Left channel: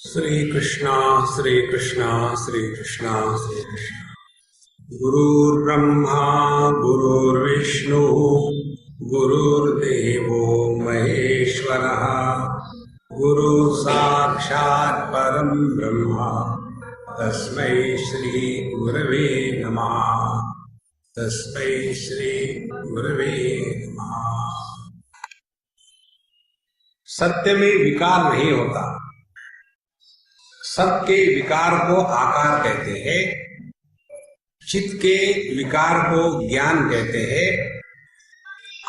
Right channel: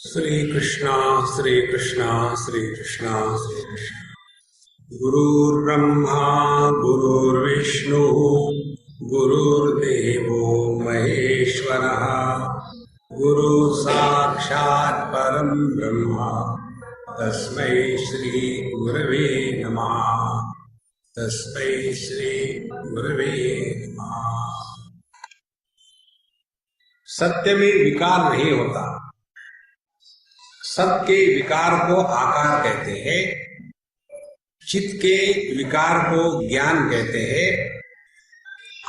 श्री कृष्णा श्री कृष्णा श्री कृष्णा श्री कृष्णा। गुरुर्ब्रह्मा गुरुर्विष्णु गुरुर्देवो महेश्वरः गुरु साक्षात् परम ब्रह्म तस्मै श्री गुरवे नमः। तस्मै श्री गुरवे नमः। सत्य में विकार नहीं होता। सत के विकार को आकार कहते हैं, चित्त के विकार को ज्ञान कहते हैं,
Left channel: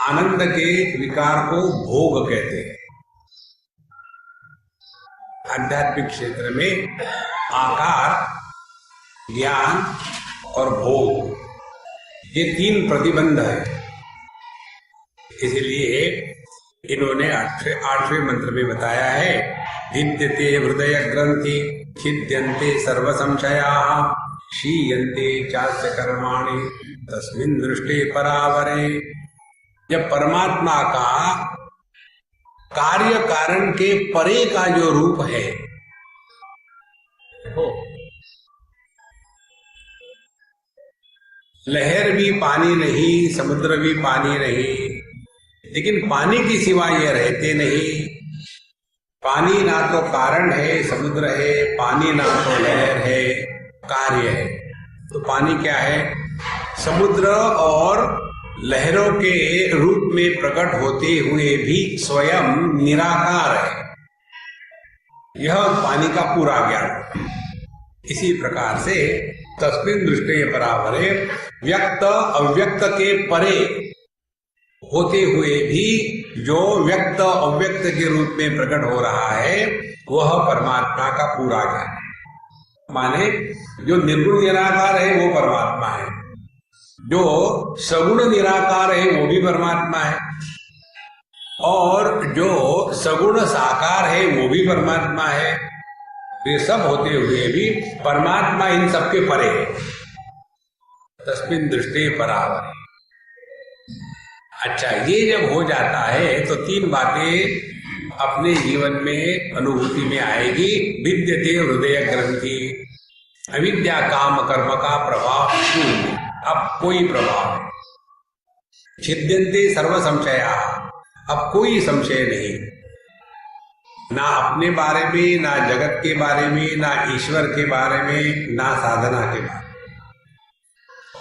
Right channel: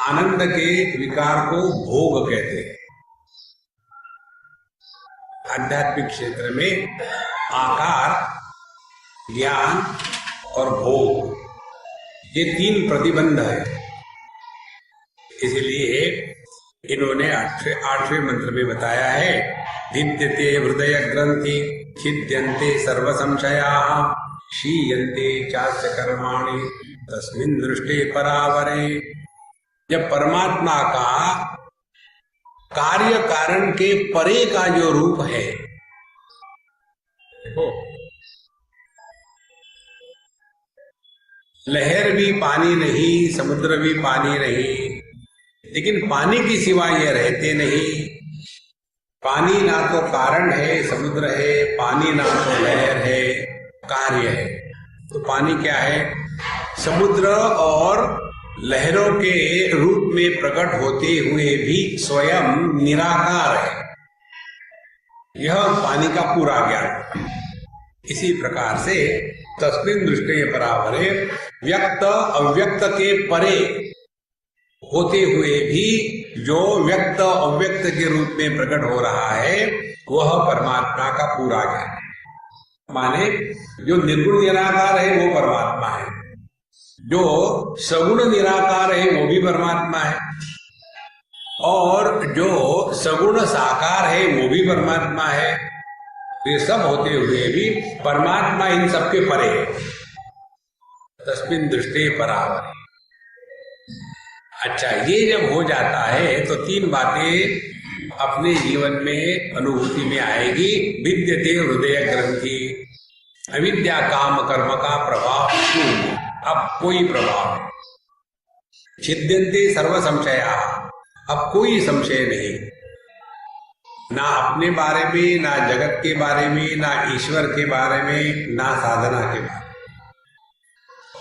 आनंद के विकार को भोग कहते हैं। आध्यात्मिक क्षेत्र में आकार, ज्ञान और भोग ये तीन प्रतिबंध है। इसलिए इन्होंने आठवें मंत्र में बताया है, भिद्यते हृदय ग्रंथि छिद्यन्ते सर्व संशयाः क्षीयन्ते चास्य कर्माणि तस्मिन् दृष्टे परावरे। जब परमात्मा का कार्य कारण के परे का जो रूप है, लहर भी पानी नहीं, समुद्र भी पानी नहीं, लेकिन पानी की सिवा ये रहते नहीं। पानी ना तो कारण है, समुद्र है, पानी ना तो लहर है, कार्य है। तो पानी क्या है? समुद्र और लहरों के रूप में प्रकट होते हुए भी स्वयं निराकार है। यह पानी का पूरा ज्ञान। इसी प्रकार से तस्मिन् दृष्टे परावरे, व्यक्त अव्यक्त के परे होते हुए भी जो व्यक्त अव्यक्त के रूप में प्रकट हो रहा है वह परमात्मा का पूरा ज्ञान है। माने जो निर्गुण निराकार है वो परमात्मा है, जो सगुण निराकार है वो भी परमात्मा है, और जो सगुण साकार है वो भी परमात्मा है। ये सब होते हुए भी परमात्मा इन सबके परे है। तस्मिन् दृष्टे परावरे। अच्छा, ये जब हो जाता है तो तीन बातें अपने जीवन में अनुभूति में आएगी। विद्यते हृदय ग्रंथि, अविद्या काम कर्म का प्रभाव शून्य, अब कोई प्रभाव नहीं। छिद्यन्ते सर्व संशया, अब कोई संशय नहीं, ना अपने बारे में, ना जगत के बारे में, ना ईश्वर के बारे में, ना साधना के बारे में।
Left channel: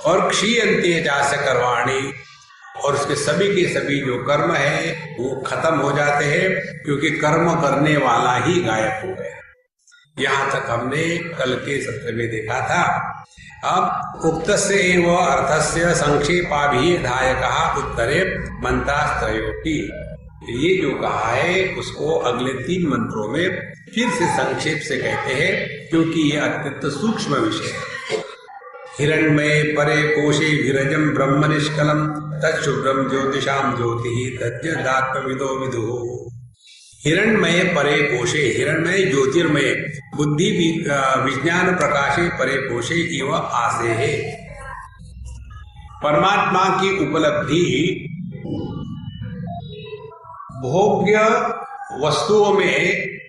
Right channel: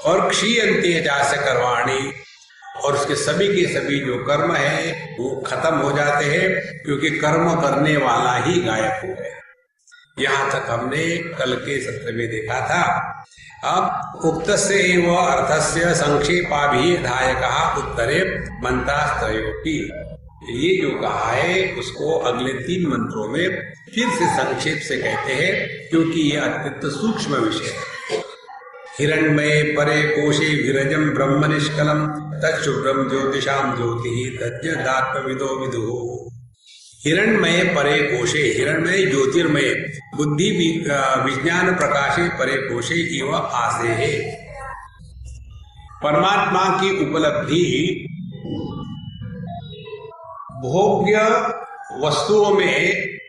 और क्षीयन्ते चास्य कर्माणि, और उसके सभी के सभी जो कर्म है वो खत्म हो जाते हैं, क्योंकि कर्म करने वाला ही गायब हो गया। यहां तक हमने कल के सत्र में देखा था। अब उक्तस्य एव अर्थस्य संक्षेपाभिधायकः उत्तरे मंत्रास्त्रयोऽपि, ये जो कहा है उसको अगले तीन मंत्रों में फिर से संक्षेप से कहते हैं, क्योंकि ये अत्यंत सूक्ष्म विषय है। हिरण्मये परे कोशे विरजम ब्रह्म निष्कलम तच्छुभ्रम ज्योतिषाम ज्योतिः तज्जदात्मविदो विदुः। हिरण्मये परे कोशे, हिरण्मय ज्योतिर्मय बुद्धि विज्ञान प्रकाशे परे कोशे इव आसे है। परमात्मा की उपलब्धि भोग्य वस्तुओं में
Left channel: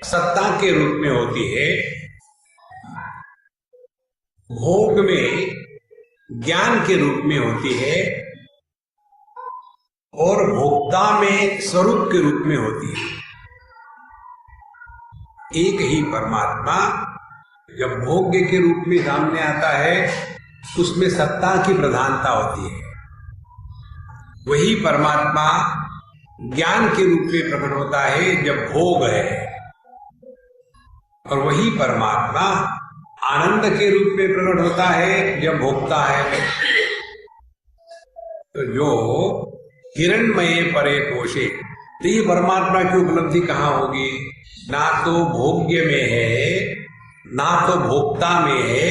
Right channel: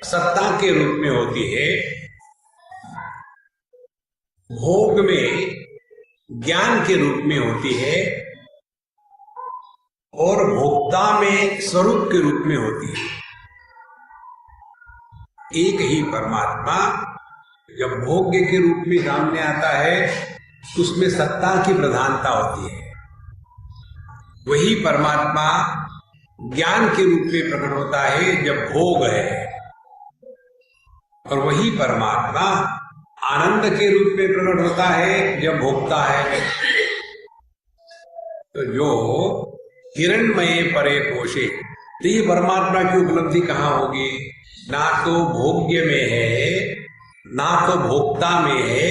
सत्ता के रूप में होती है, भोग में ज्ञान के रूप में होती है, और भोक्ता में स्वरूप के रूप में होती है। एक ही परमात्मा जब भोग्य के रूप में सामने आता है उसमें सत्ता की प्रधानता होती है। वही परमात्मा ज्ञान के रूप में प्रकट होता है जब भोग है, और वही परमात्मा आनंद के रूप में प्रकट होता है जब भोगता है। तो जो हिरण्मये परे कोशे, तो ये परमात्मा की उपलब्धि कहाँ होगी? ना तो भोग्य में है, ना तो भोक्ता में है,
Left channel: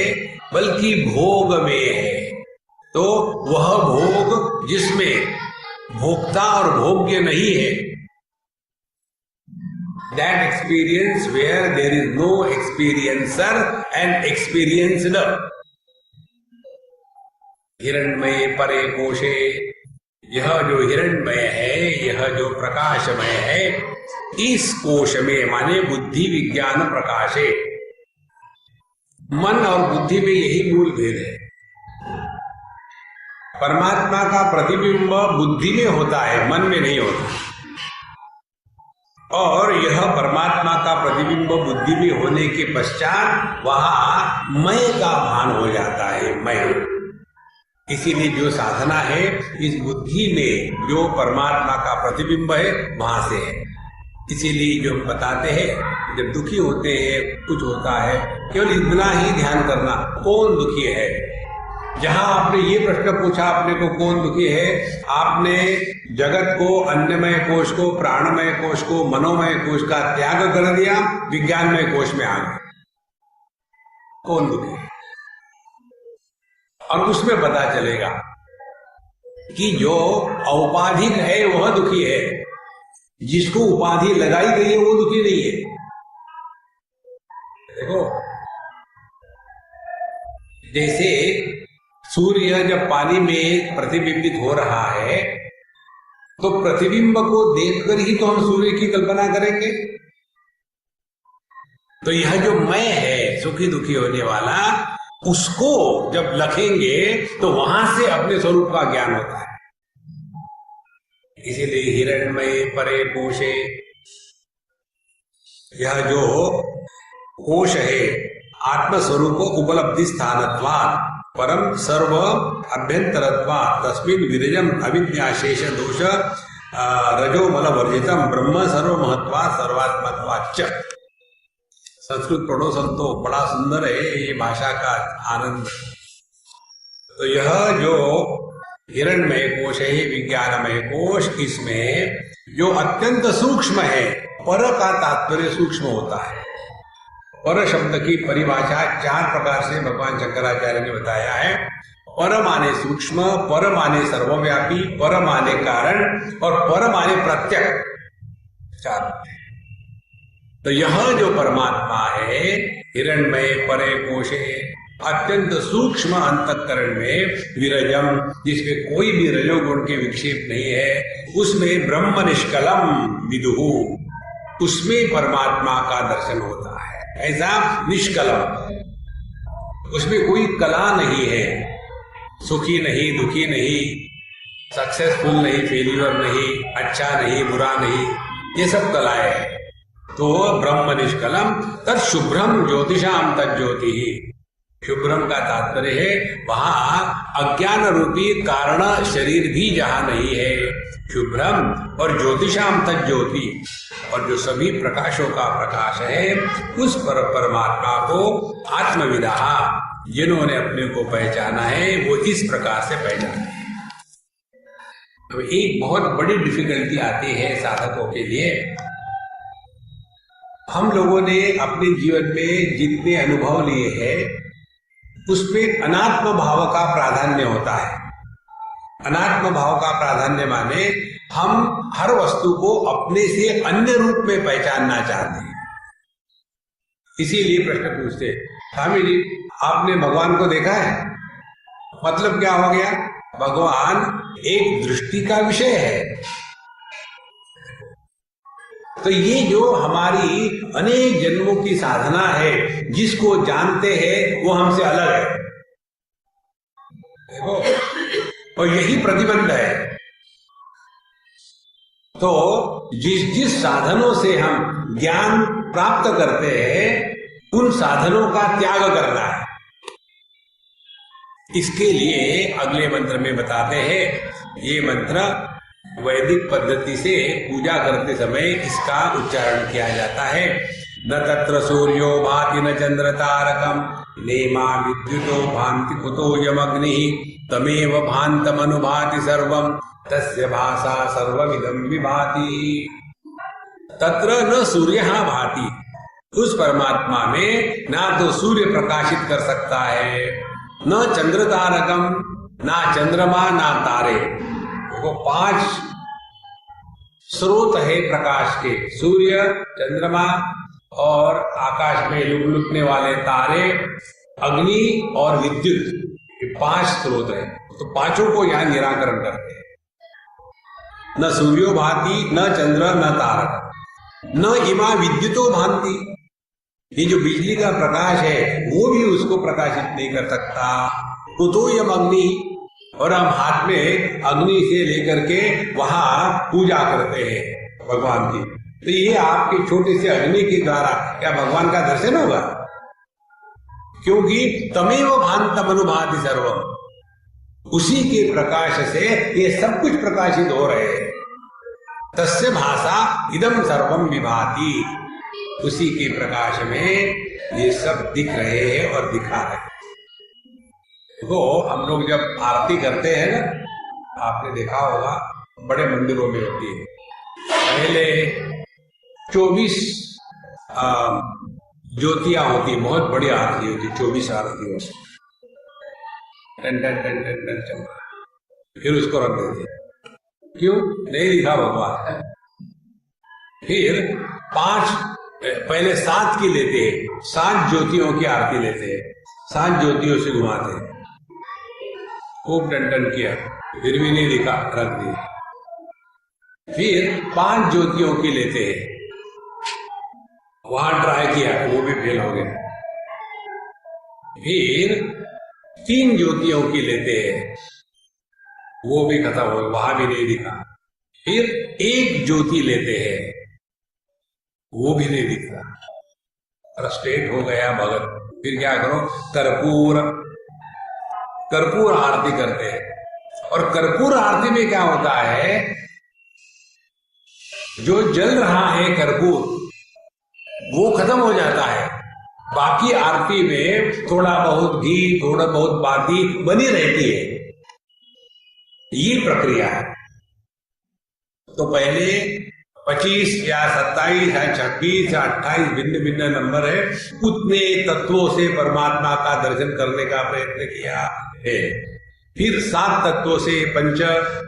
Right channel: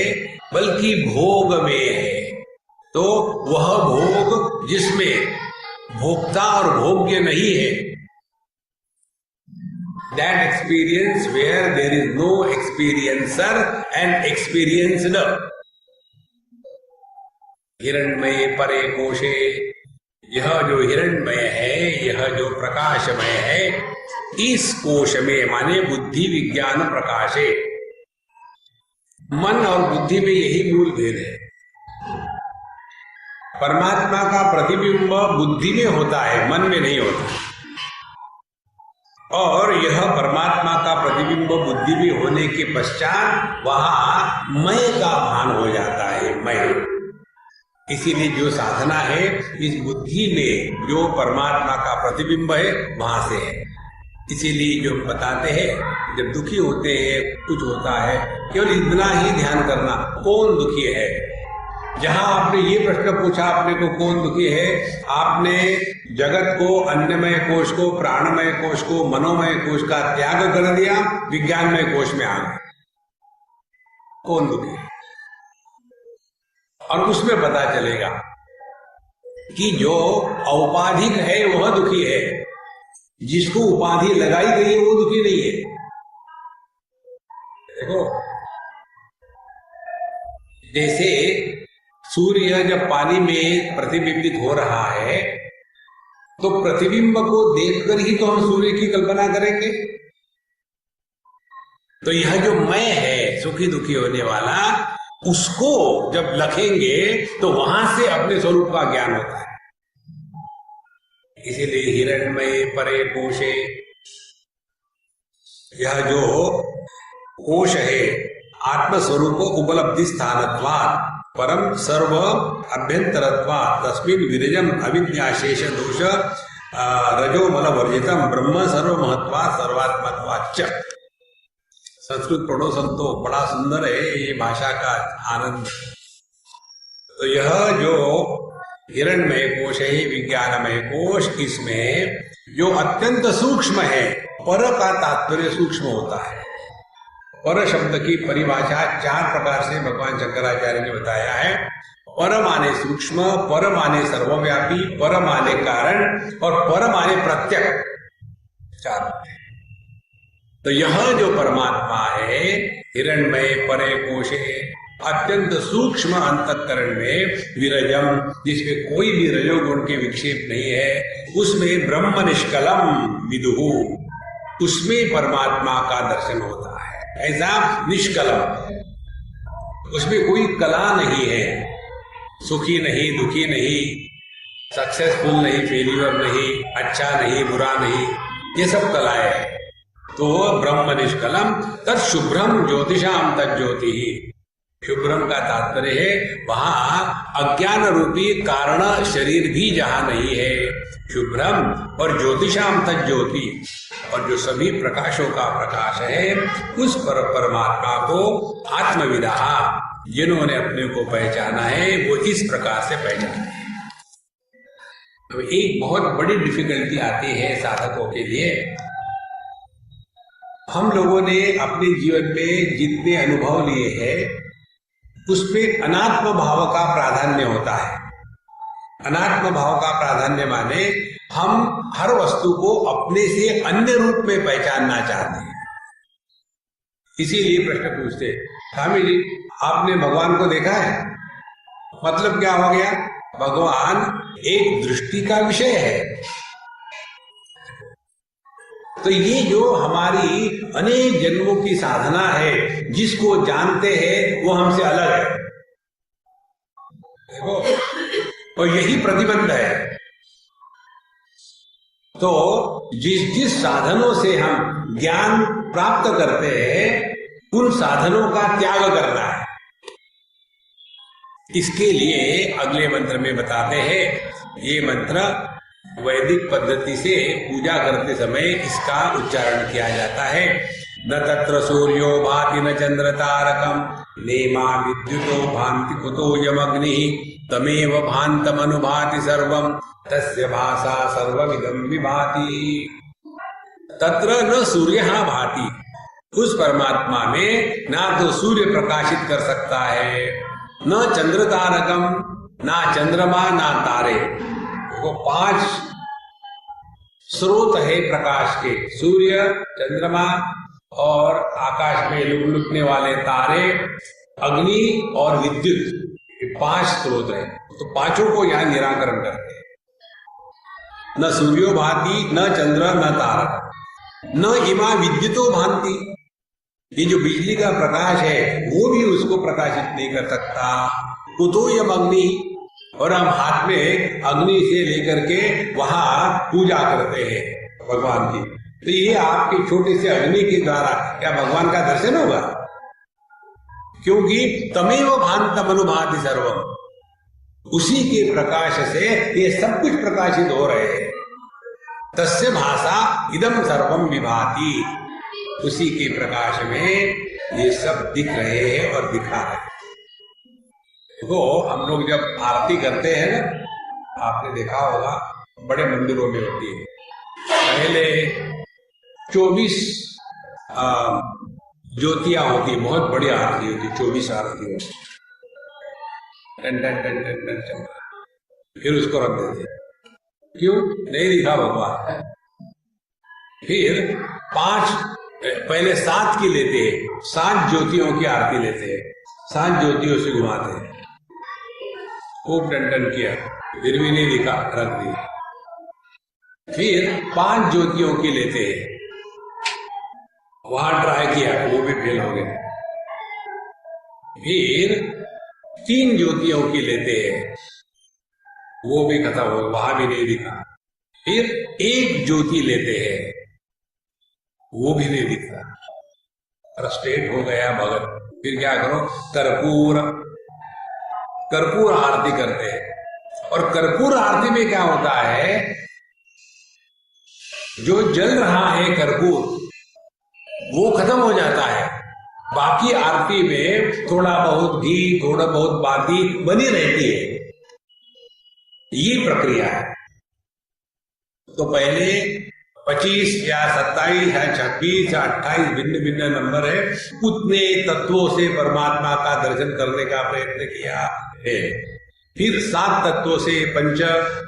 बल्कि भोग में है। तो वह भोग जिसमें भोक्ता और भोग्य नहीं है, that experience where there is no experiencer and experienced। हिरण्मये परे कोशे, यह जो हिरण्मय है, यह जो प्रकाशमय है, इस कोश में माने बुद्धि विज्ञान प्रकाशे, मन और बुद्धि में यही मूल भेद है। परमात्मा का प्रतिबिंब बुद्धि में होता है, मन में नहीं होता। और यह परमात्मा का प्रतिबिंब बुद्धि में होने के पश्चात वहां मैं का भान हो जाता है, मैं। इसीलिए जो साधना है इस बुद्धि में जो परमात्मा का प्रतिबिंब है वहां से है। इसीलिए जो हम बताते हैं जब दुखी होते हैं, कुछ होता है, केवल इतना ही ध्यान करना कौन दुखी है। जहां आपने ये प्रश्न पूछा अपने को कौन दुखी है, आपने जगत को, अन्नमय कोश को, प्राणमय कोश को, मनोमय कोश का त्याग कर दिया, विज्ञानमय कोश में आ गए। कौन दुखी है? और उसमें पता चलेगा कि जो औपाधिक है वह दुखी है, जिसको उपाधि लगाई गई है वो दुखी नहीं है। देखो, जैसे सूर्य जब पानी में प्रतिबिंबित हो रहा है तो प्रतिबिंब को देखकर ही तो हम सूर्य की कल्पना करेंगे। तो यह जो मैं है सुखी दुखी होने वाला, उसको जब लखेंगे तो वहां से अपने स्वरूप का ज्ञान होता है। इसीलिए हिरण्मय परे कोशे, यह जो कोश है आत्मस्वरूप उपलब्धि स्थानत्वात् परम सर्व अभ्यंतरत्वात् तस्मिन् विरजम अविद्याशेष दोष रजोमल वर्जितम ब्रह्म सर्वमहत्वात् सर्वात्मत्वाच्च। संस्कृत पढ़ो संतो, बड़ा सुंदर है ये भाषा का आनंद। तो यह जो हिरण्मय कोश है, विज्ञानमय कोश, इसमें जो अत्यंत सूक्ष्म है, पर का तात्पर्य सूक्ष्म होता है। पर शब्द की परिभाषा 4 प्रकार से भगवान शंकराचार्य ने बताया है। पर माने सूक्ष्म, पर माने सर्वव्यापी, पर माने कारण और पर माने प्रत्यक, 4। तो यह जो परमात्मा है हिरण्मय परे कोशे, अत्यंत सूक्ष्म अंतःकरण में विरजम, जिसमें कोई भी रजोगुण के विक्षेप नहीं है, उसमें ब्रह्म निष्कलम विदुहु, उसमें परमात्मा का दर्शन होता है। ऐसा निष्कलम, उसमें कोई कला नहीं है, सुखी नहीं, दुखी नहीं, सक्सेसफुल नहीं, फेल्यूर नहीं, अच्छा नहीं, बुरा नहीं, ये सब कलाएं हैं। तो ब्रह्म निष्कलम तत् शुभ्रम ज्योतिषाम तज्ज्योति ही। शुभ्रम का तात्पर्य है वहां अज्ञान रूपी कारण शरीर भी जहां नहीं है, शुभ्रम, और ज्योतिषाम तज्ज्योति, और जो सभी प्रकाशों का प्रकाश है, उस परमात्मा को आत्मविदा, जिन्होंने अपने को पहचाना है वो इस प्रकार से पहचाने। अब एक बहुत बड़ी डिफिकल्टी आती है साधकों के लिए। हम लोगों ने अपने जीवन में जितने अनुभव लिए हैं उसमें अनात्म भाव का प्राधान्य होता है। अनात्म भाव का प्राधान्य माने हम हर वस्तु को अपने से अन्य रूप में पहचानना चाहते हैं। इसीलिए प्रश्न पूछते, स्वामी जी आपने भगवान को देखा है? मतलब क्या हो गया? भगवान एक दृष्टि का विषय है। तो ये जो हमारी अनेक जन्मों की साधना है, जिसको जानते हैं वो हमसे अलग है। देखो, और यही प्रतिबंध है। तो जिस साधनों से हम ज्ञान प्राप्त करते हैं उन साधनों का त्याग करना है। इसके लिए अगले मंत्र में बताते हैं, ये मंत्र वैदिक पद्धति से पूजा करते समय इसका उच्चारण किया जाता है। न तत्र सूर्यो भाति न चंद्र तारकम नेमा विद्युतो भांति कुतो यमग्नि तमेव भान्तमनुभाति सर्वम तस्य भाषा सर्वमिदं विभाति। तत्र न सूर्यः भाति, उस परमात्मा में ना तो सूर्य प्रकाशित कर सकता है, न चंद्र तारकम, ना चंद्रमा ना तारे। देखो 5 स्रोत है प्रकाश के, सूर्य, चंद्रमा और आकाश में लुकने वाले तारे, अग्नि और विद्युत, ये 5 स्रोत है। तो 5 को यहां निराकरण करते हैं। न सूर्यो भाति न चंद्र न तारक। न इमा विद्युतो भांति, ये जो बिजली का प्रकाश है वो भी उसको प्रकाशित नहीं कर सकता। कुतो यम अग्नि, और हम हाथ में अग्नि से लेकर के वहां पूजा करते हैं भगवान की, तो ये आपके छोटे से अग्नि के द्वारा क्या भगवान का दर्शन होगा? क्योंकि तमेव भांतम अनुभाति सर्वम, उसी के प्रकाश से ये सब कुछ प्रकाशित हो रहे हैं। तस्य भाषा इदम सर्वम विभाति, उसी के प्रकाश में ये सब दिख रहे हैं और दिखा रहे हैं। तो हम लोग जब आरती करते हैं ना, आपने देखा होगा बड़े मंदिरों में होती है, पहले 24 ज्योतियां होती, बहुत बड़ी आरती होती, 24 आरती होती, टन टन टन टन टन टन, फिर उसको रख देते। क्यों? नहीं दिखा भगवान। फिर 5, पहले 7 की लेते हैं, 7 ज्योतियों की आरती लेते हैं, 7 ज्योतियों से घुमाते हैं, खूब टन किया, फिर भी नहीं दिखा, रख दी। फिर 5 ज्योतियों की लेते हैं, वहां ट्राई किया, वो भी फेल हो गया। फिर 3 ज्योतियों की लेते हैं, वो भी खत्म हो गया, वहां भी नहीं दिखा। फिर 1 ज्योति लेते हैं, वो भी नहीं दिखता, फ्रस्ट्रेट हो गया भगत। फिर क्या करो? कर्पूर आरती करते हैं। और कर्पूर आरती में क्या होता है, जो जल रहा है कर्पूर वो खत्म हो जाता है, बाकी आरती में थोड़ा बहुत घी, थोड़ा बहुत बाती बनी रहती है। ये प्रक्रिया है। तो पहले 25 या 27 या 26 या 28 भिन्न भिन्न नंबर है, उतने तत्वों से परमात्मा का दर्शन करने का प्रयत्न किया है। फिर 7 तत्वों से पंच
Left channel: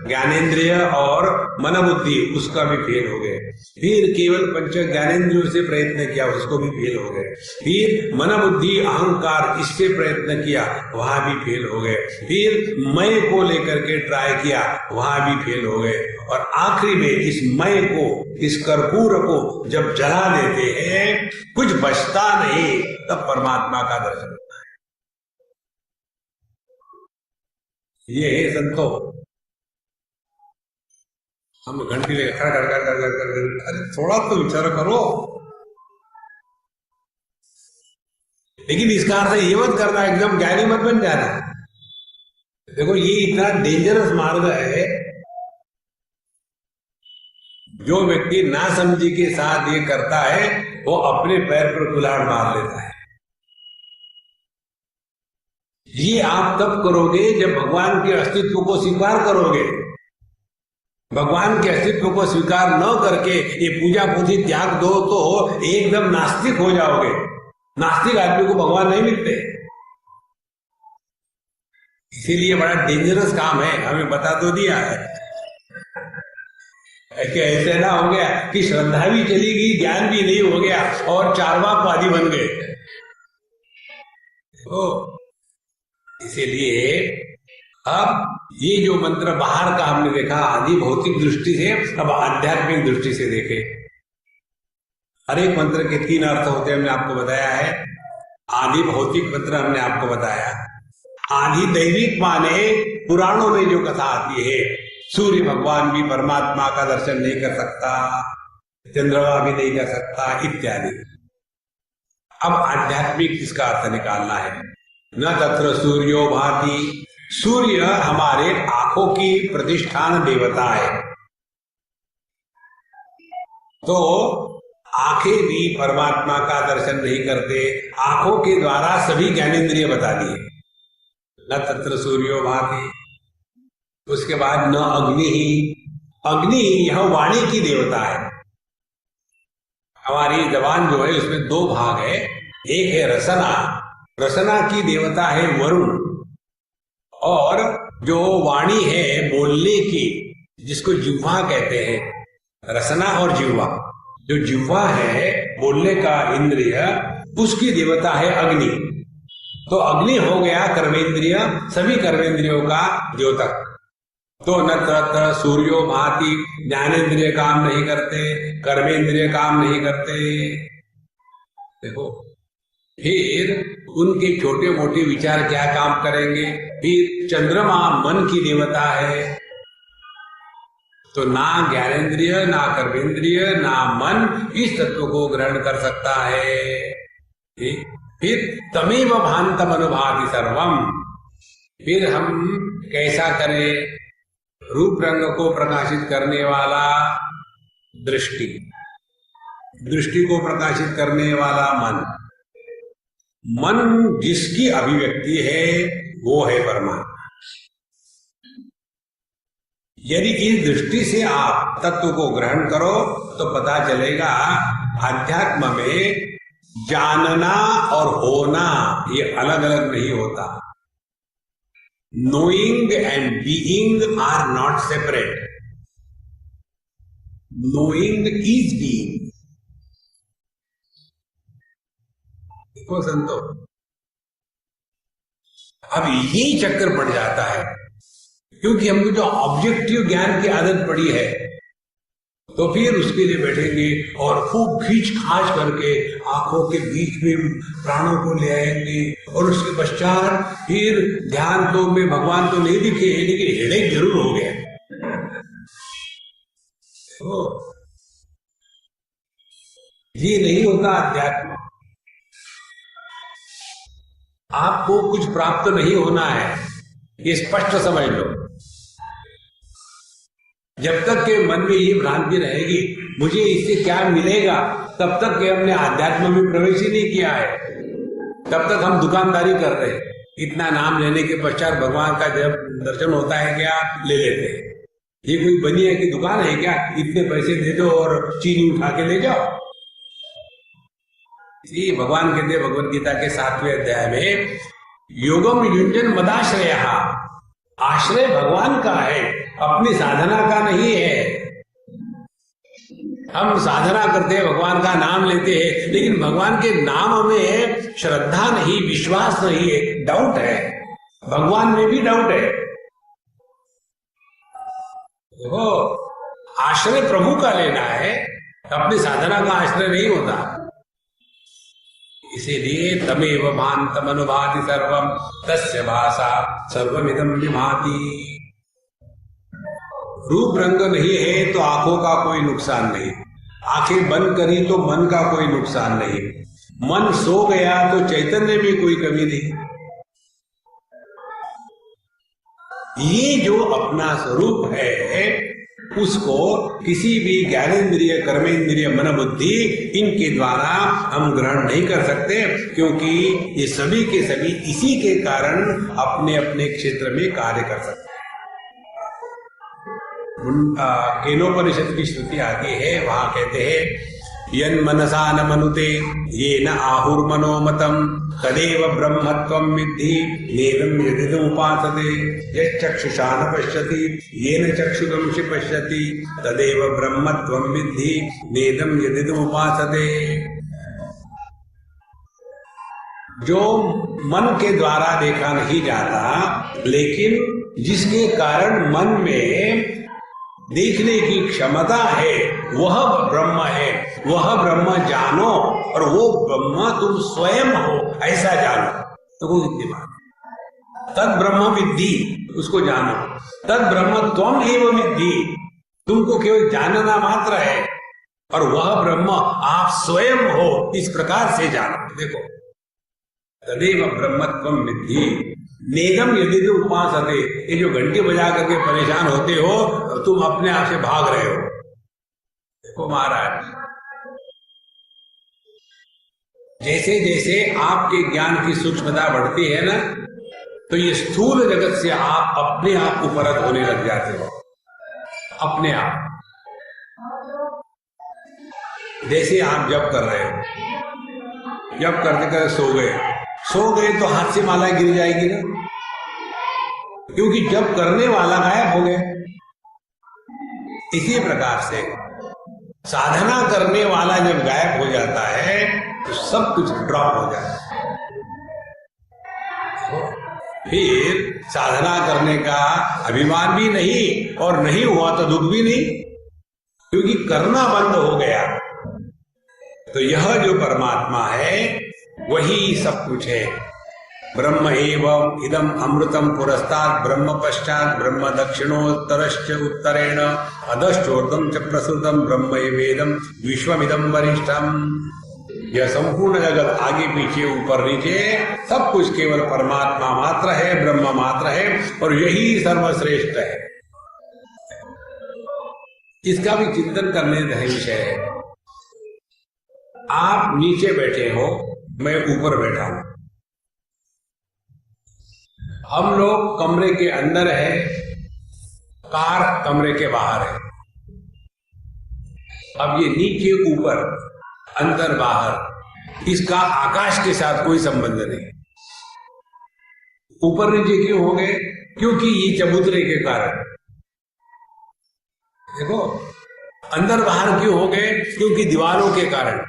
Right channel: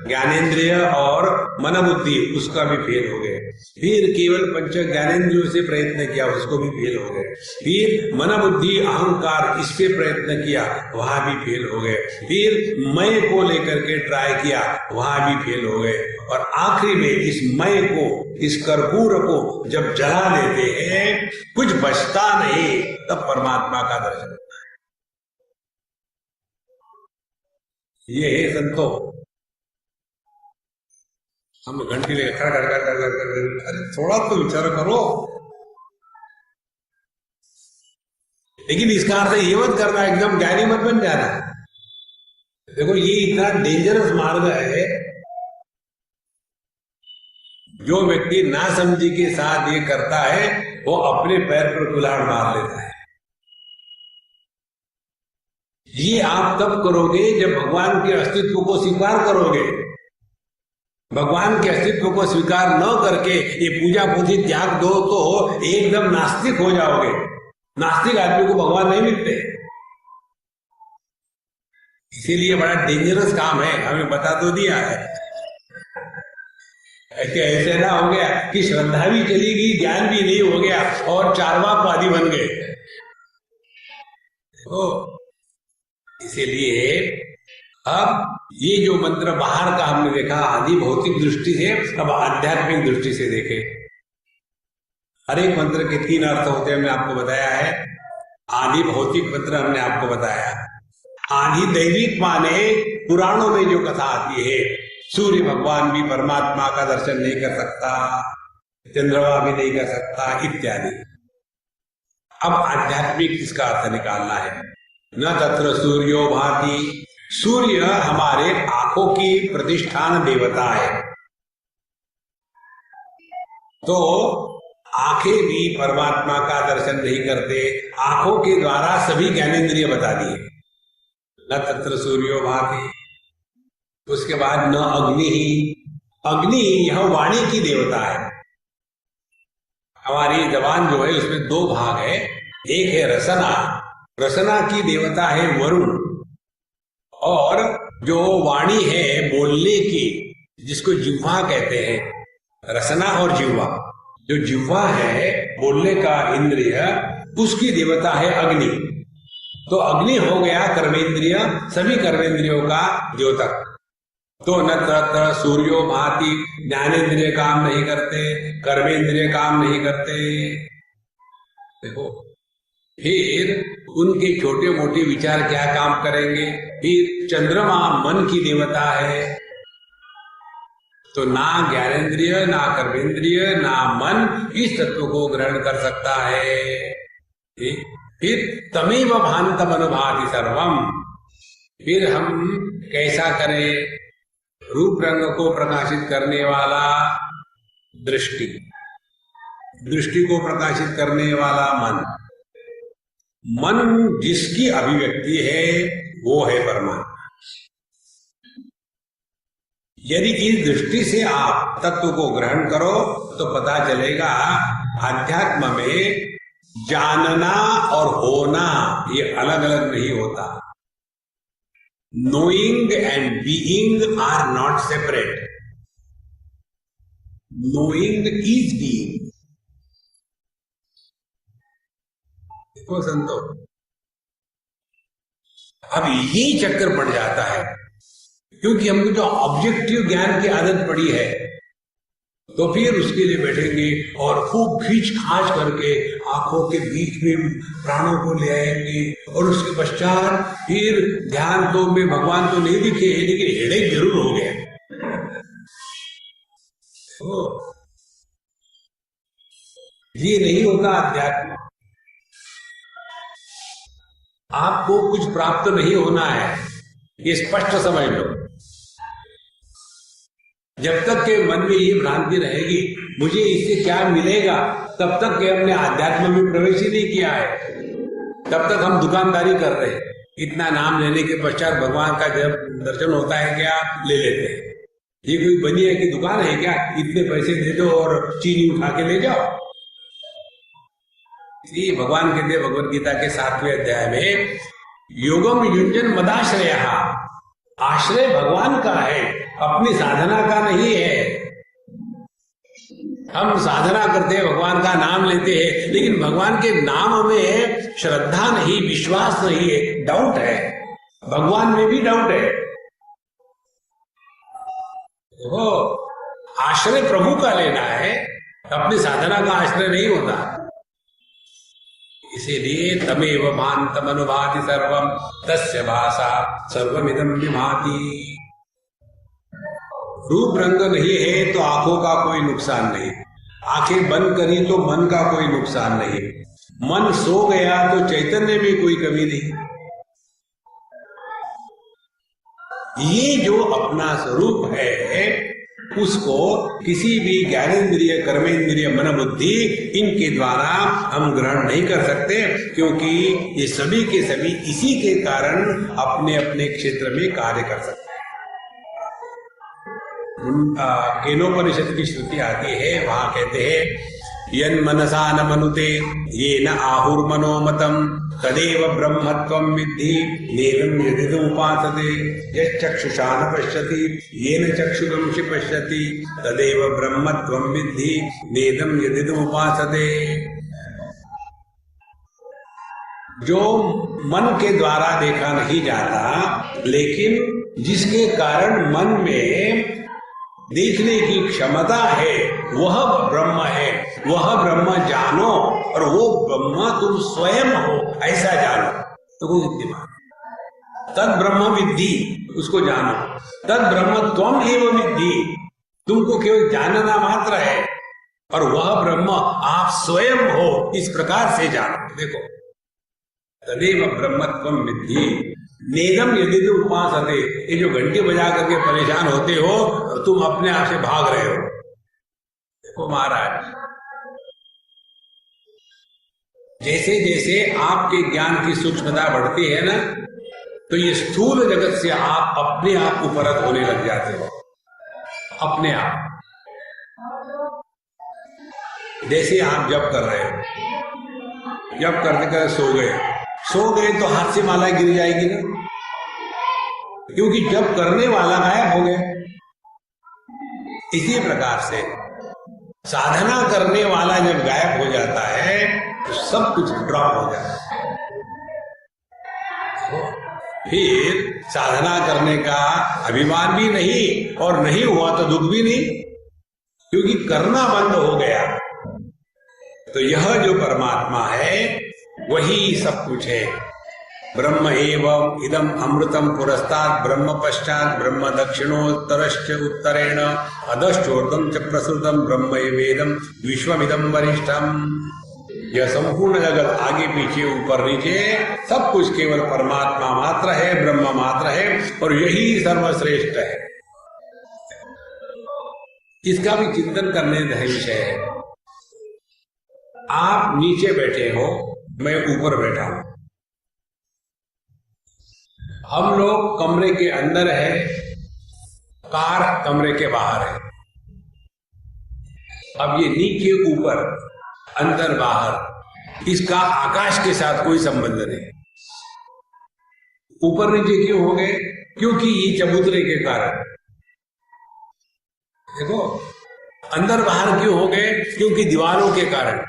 ज्ञानेंद्रिय और मन बुद्धि, उसका भी फेल हो गए। फिर केवल पंच ज्ञानेंद्रियों से प्रयत्न किया, उसको भी फेल हो गए। फिर मन बुद्धि अहंकार, इससे प्रयत्न किया, वहां भी फेल हो गए। फिर मैं को लेकर के ट्राई किया, वहां भी फेल हो गए। और आखिरी में इस मैं को, इस कर्पूर को जब जला देते हैं, कुछ बचता नहीं, तब परमात्मा का दर्शन होता है। ये है संतो। हम घंटी लेकर कर, अरे थोड़ा तो विचार करो। लेकिन इसका अर्थ ये मत करना एकदम ज्ञानी मत बन जाना। देखो ये इतना डेंजरस मार्ग है, जो व्यक्ति ना समझी के साथ ये करता है वो अपने पैर पर कुल्हाड़ मार लेता है। ये आप तब करोगे जब भगवान के अस्तित्व को स्वीकार करोगे। भगवान के अस्तित्व को स्वीकार न करके ये पूजा पूजी त्याग दो तो एकदम नास्तिक हो जाओगे। नास्तिक आदमी को भगवान नहीं मिलते, इसीलिए बड़ा डेंजरस काम है। हमें बता तो दिया है कि ऐसे ना हो गया कि श्रद्धा भी चली गई, ज्ञान भी नहीं हो गया और चार्वाकवादी बन गए। तो इसीलिए अब ये जो मंत्र बाहर का हमने देखा आदि भौतिक दृष्टि से, अब आध्यात्मिक दृष्टि से देखे। हर एक मंत्र के 3 अर्थ होते हैं, हमने आपको बताया है। आदि भौतिक मंत्र हमने आपको बताया। आदि दैविक माने पुराणों में जो कथा आती है, सूर्य भगवान भी परमात्मा का दर्शन नहीं कर सकता, चंद्रमा भी नहीं कर सकता, इत्यादि। अब आध्यात्मिक इसका अर्थ निकालना है। न तत्र सूर्यो भाति, सूर्य हमारे आंखों की प्रतिष्ठान देवता है। तो आंखें भी परमात्मा का दर्शन नहीं करते, आंखों के द्वारा सभी ज्ञानेंद्रिय बता दिए। न तत्र सूर्यो भाति। उसके बाद न अग्नि ही, अग्नि यह वाणी की देवता है। हमारी जबान जो है उसमें 2 भाग है, एक है रसना, रसना की देवता है वरुण, और जो वाणी है बोलने की, जिसको जिह्वा कहते हैं, रसना और जिह्वा। जो जिह्वा है बोलने का इंद्रिय, उसकी देवता है अग्नि। तो अग्नि हो गया कर्मेंद्रिय, सभी कर्मेंद्रियों का द्योतक। तो न तत्र सूर्यो भाति, ज्ञानेंद्रिय काम नहीं करते, कर्मेंद्रिय काम नहीं करते। देखो, फिर उनके छोटे मोटे विचार क्या काम करेंगे? फिर चंद्रमा मन की देवता है, तो ना ज्ञानेंद्रिय, ना कर्मेंद्रिय, ना मन इस तत्व को ग्रहण कर सकता है। फिर तमेव भान्तम अनुभाति सर्वम। फिर हम कैसा करें? रूप रंग को प्रकाशित करने वाला दृष्टि, दृष्टि को प्रकाशित करने वाला मन, मन जिसकी अभिव्यक्ति है वो है परमात्मा। यदि इस दृष्टि से आप तत्व को ग्रहण करो तो पता चलेगा अध्यात्म में जानना और होना ये अलग अलग नहीं होता। Knowing and being are not separate. Knowing is being. देखो संतो, अब यही चक्कर पड़ जाता है क्योंकि हमको जो ऑब्जेक्टिव ज्ञान की आदत पड़ी है, तो फिर उसके लिए बैठेंगे और खूब खींच खाच करके आंखों के बीच में प्राणों को ले आएंगे और उसके पश्चात फिर ध्यान तो में भगवान तो नहीं दिखे लेकिन हेडेक जरूर हो गया। ये नहीं होता अध्यात्म। आपको कुछ प्राप्त नहीं होना है, ये स्पष्ट समझ लो। जब तक के मन में ये भ्रांति रहेगी मुझे इससे क्या मिलेगा, तब तक के हमने आध्यात्म में प्रवेश ही नहीं किया है। तब तक हम दुकानदारी कर रहे हैं। इतना नाम लेने के पश्चात भगवान का जब दर्शन होता है क्या, ले लेते हैं। ये कोई बनिया की दुकान है क्या, इतने पैसे दे दो और चीनी उठा के ले जाओ। ये भगवान कहते हैं भगवद गीता के 7वें अध्याय में, योगम युंजन मदाश्रय। आश्रय भगवान का है, अपनी साधना का नहीं है। हम साधना करते हैं, भगवान का नाम लेते हैं, लेकिन भगवान के नाम में श्रद्धा नहीं, विश्वास नहीं है, डाउट है। भगवान में भी डाउट है। देखो, आश्रय प्रभु का लेना है, अपनी साधना का आश्रय नहीं होता। इसीलिए तमेव भान्तम अनुभाति सर्वम तस्य भाषा सर्वमिदं विभाति। रूप रंग नहीं है तो आंखों का कोई नुकसान नहीं, आंखें बंद करी तो मन का कोई नुकसान नहीं, मन सो गया तो चैतन्य में कोई कमी नहीं। ये जो अपना स्वरूप है उसको किसी भी ज्ञानेंद्रिय, कर्मेंद्रिय, मन बुद्धि इनके द्वारा हम ग्रहण नहीं कर सकते, क्योंकि ये सभी के सभी इसी के कारण अपने अपने क्षेत्र में कार्य कर सकते हैं। केनोपनिषद की श्रुति आती है, वहां कहते हैं यन मनसा न मनुते ये न आहुर्मनोमतम तदेव ब्रह्मत्वं विद्धि नेदं यदिदमुपासते यच्चक्षुषा न पश्यति येन चक्षुगंसि पश्यति तदेव ब्रह्मत्वं विद्धि नेदं यदिदमुपासते। जो मन के द्वारा देखा नहीं जाता, लेकिन जिसके कारण मन में देखने की क्षमता है, वह ब्रह्म है। वह ब्रह्म जानो और वो ब्रह्म तुम स्वयं हो, ऐसा जानो। तो वो इतनी बात, तद ब्रह्म विद्धि, उसको जानो। तद ब्रह्म त्वम एव विद्धि, तुमको केवल जानना मात्र है और वह ब्रह्म आप स्वयं हो, इस प्रकार से जानो। देखो, तदेव ब्रह्मत्वम विद्धि नेदम यदि तुम उपासते। ये जो घंटी बजा करके परेशान होते हो, तुम अपने आप से भाग रहे हो। देखो महाराज, जैसे जैसे आपके ज्ञान की सूक्ष्मता बढ़ती है ना, तो ये स्थूल जगत से आप अपने आप को परत होने लग जाते हो। अपने आप, जैसे आप जप कर रहे हो, जप करते करते सो गए तो हाथ से माला गिर जाएगी ना, क्योंकि जप करने वाला गायब हो गए। इसी प्रकार से साधना करने वाला जब गायब हो जाता है तो सब कुछ ड्रॉप हो जाता है। फिर साधना करने का अभिमान भी नहीं, और नहीं हुआ तो दुख भी नहीं, क्योंकि करना बंद हो गया। तो यह जो परमात्मा है वही सब कुछ है। ब्रह्म एवं इदम अमृतम पुरस्तात् ब्रह्म पश्चात ब्रह्म दक्षिणोत्तरश्च उत्तरेण अधश्चोर्ध्वं च प्रसृतम ब्रह्म वेदम विश्वमिदं वरिष्ठम। यह संपूर्ण जगत आगे पीछे ऊपर नीचे सब कुछ केवल परमात्मा मात्र है, ब्रह्म मात्र है, और यही सर्वश्रेष्ठ है। इसका भी चिंतन करने का विषय है। आप नीचे बैठे हो, मैं ऊपर बैठा हूं, हम लोग कमरे के अंदर है, कार कमरे के बाहर है। अब ये नीचे ऊपर अंदर बाहर, इसका आकाश के साथ कोई संबंध नहीं। ऊपर नीचे क्यों हो गए? क्योंकि ये चबूतरे के कारण। देखो, अंदर बाहर क्यों हो गए? क्योंकि दीवारों के कारण।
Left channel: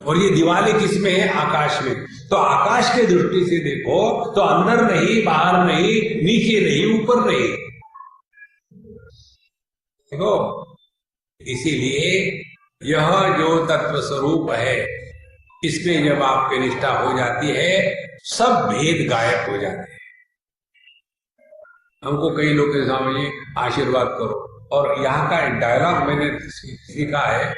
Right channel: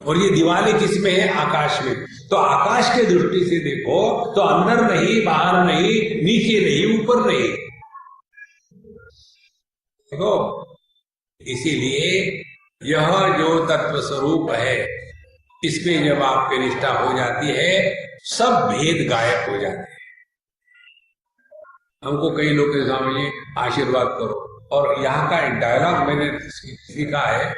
और ये दीवारें किसमें है? आकाश में। तो आकाश के दृष्टि से देखो तो अंदर नहीं, बाहर नहीं, नीचे नहीं, ऊपर नहीं। देखो, इसीलिए यह जो तत्व स्वरूप है, इसमें जब आपकी निष्ठा हो जाती है, सब भेद गायब हो जाते हैं। हमको कई लोग के सामने आशीर्वाद करो, और यहाँ का एक डायलॉग मैंने सीखा है,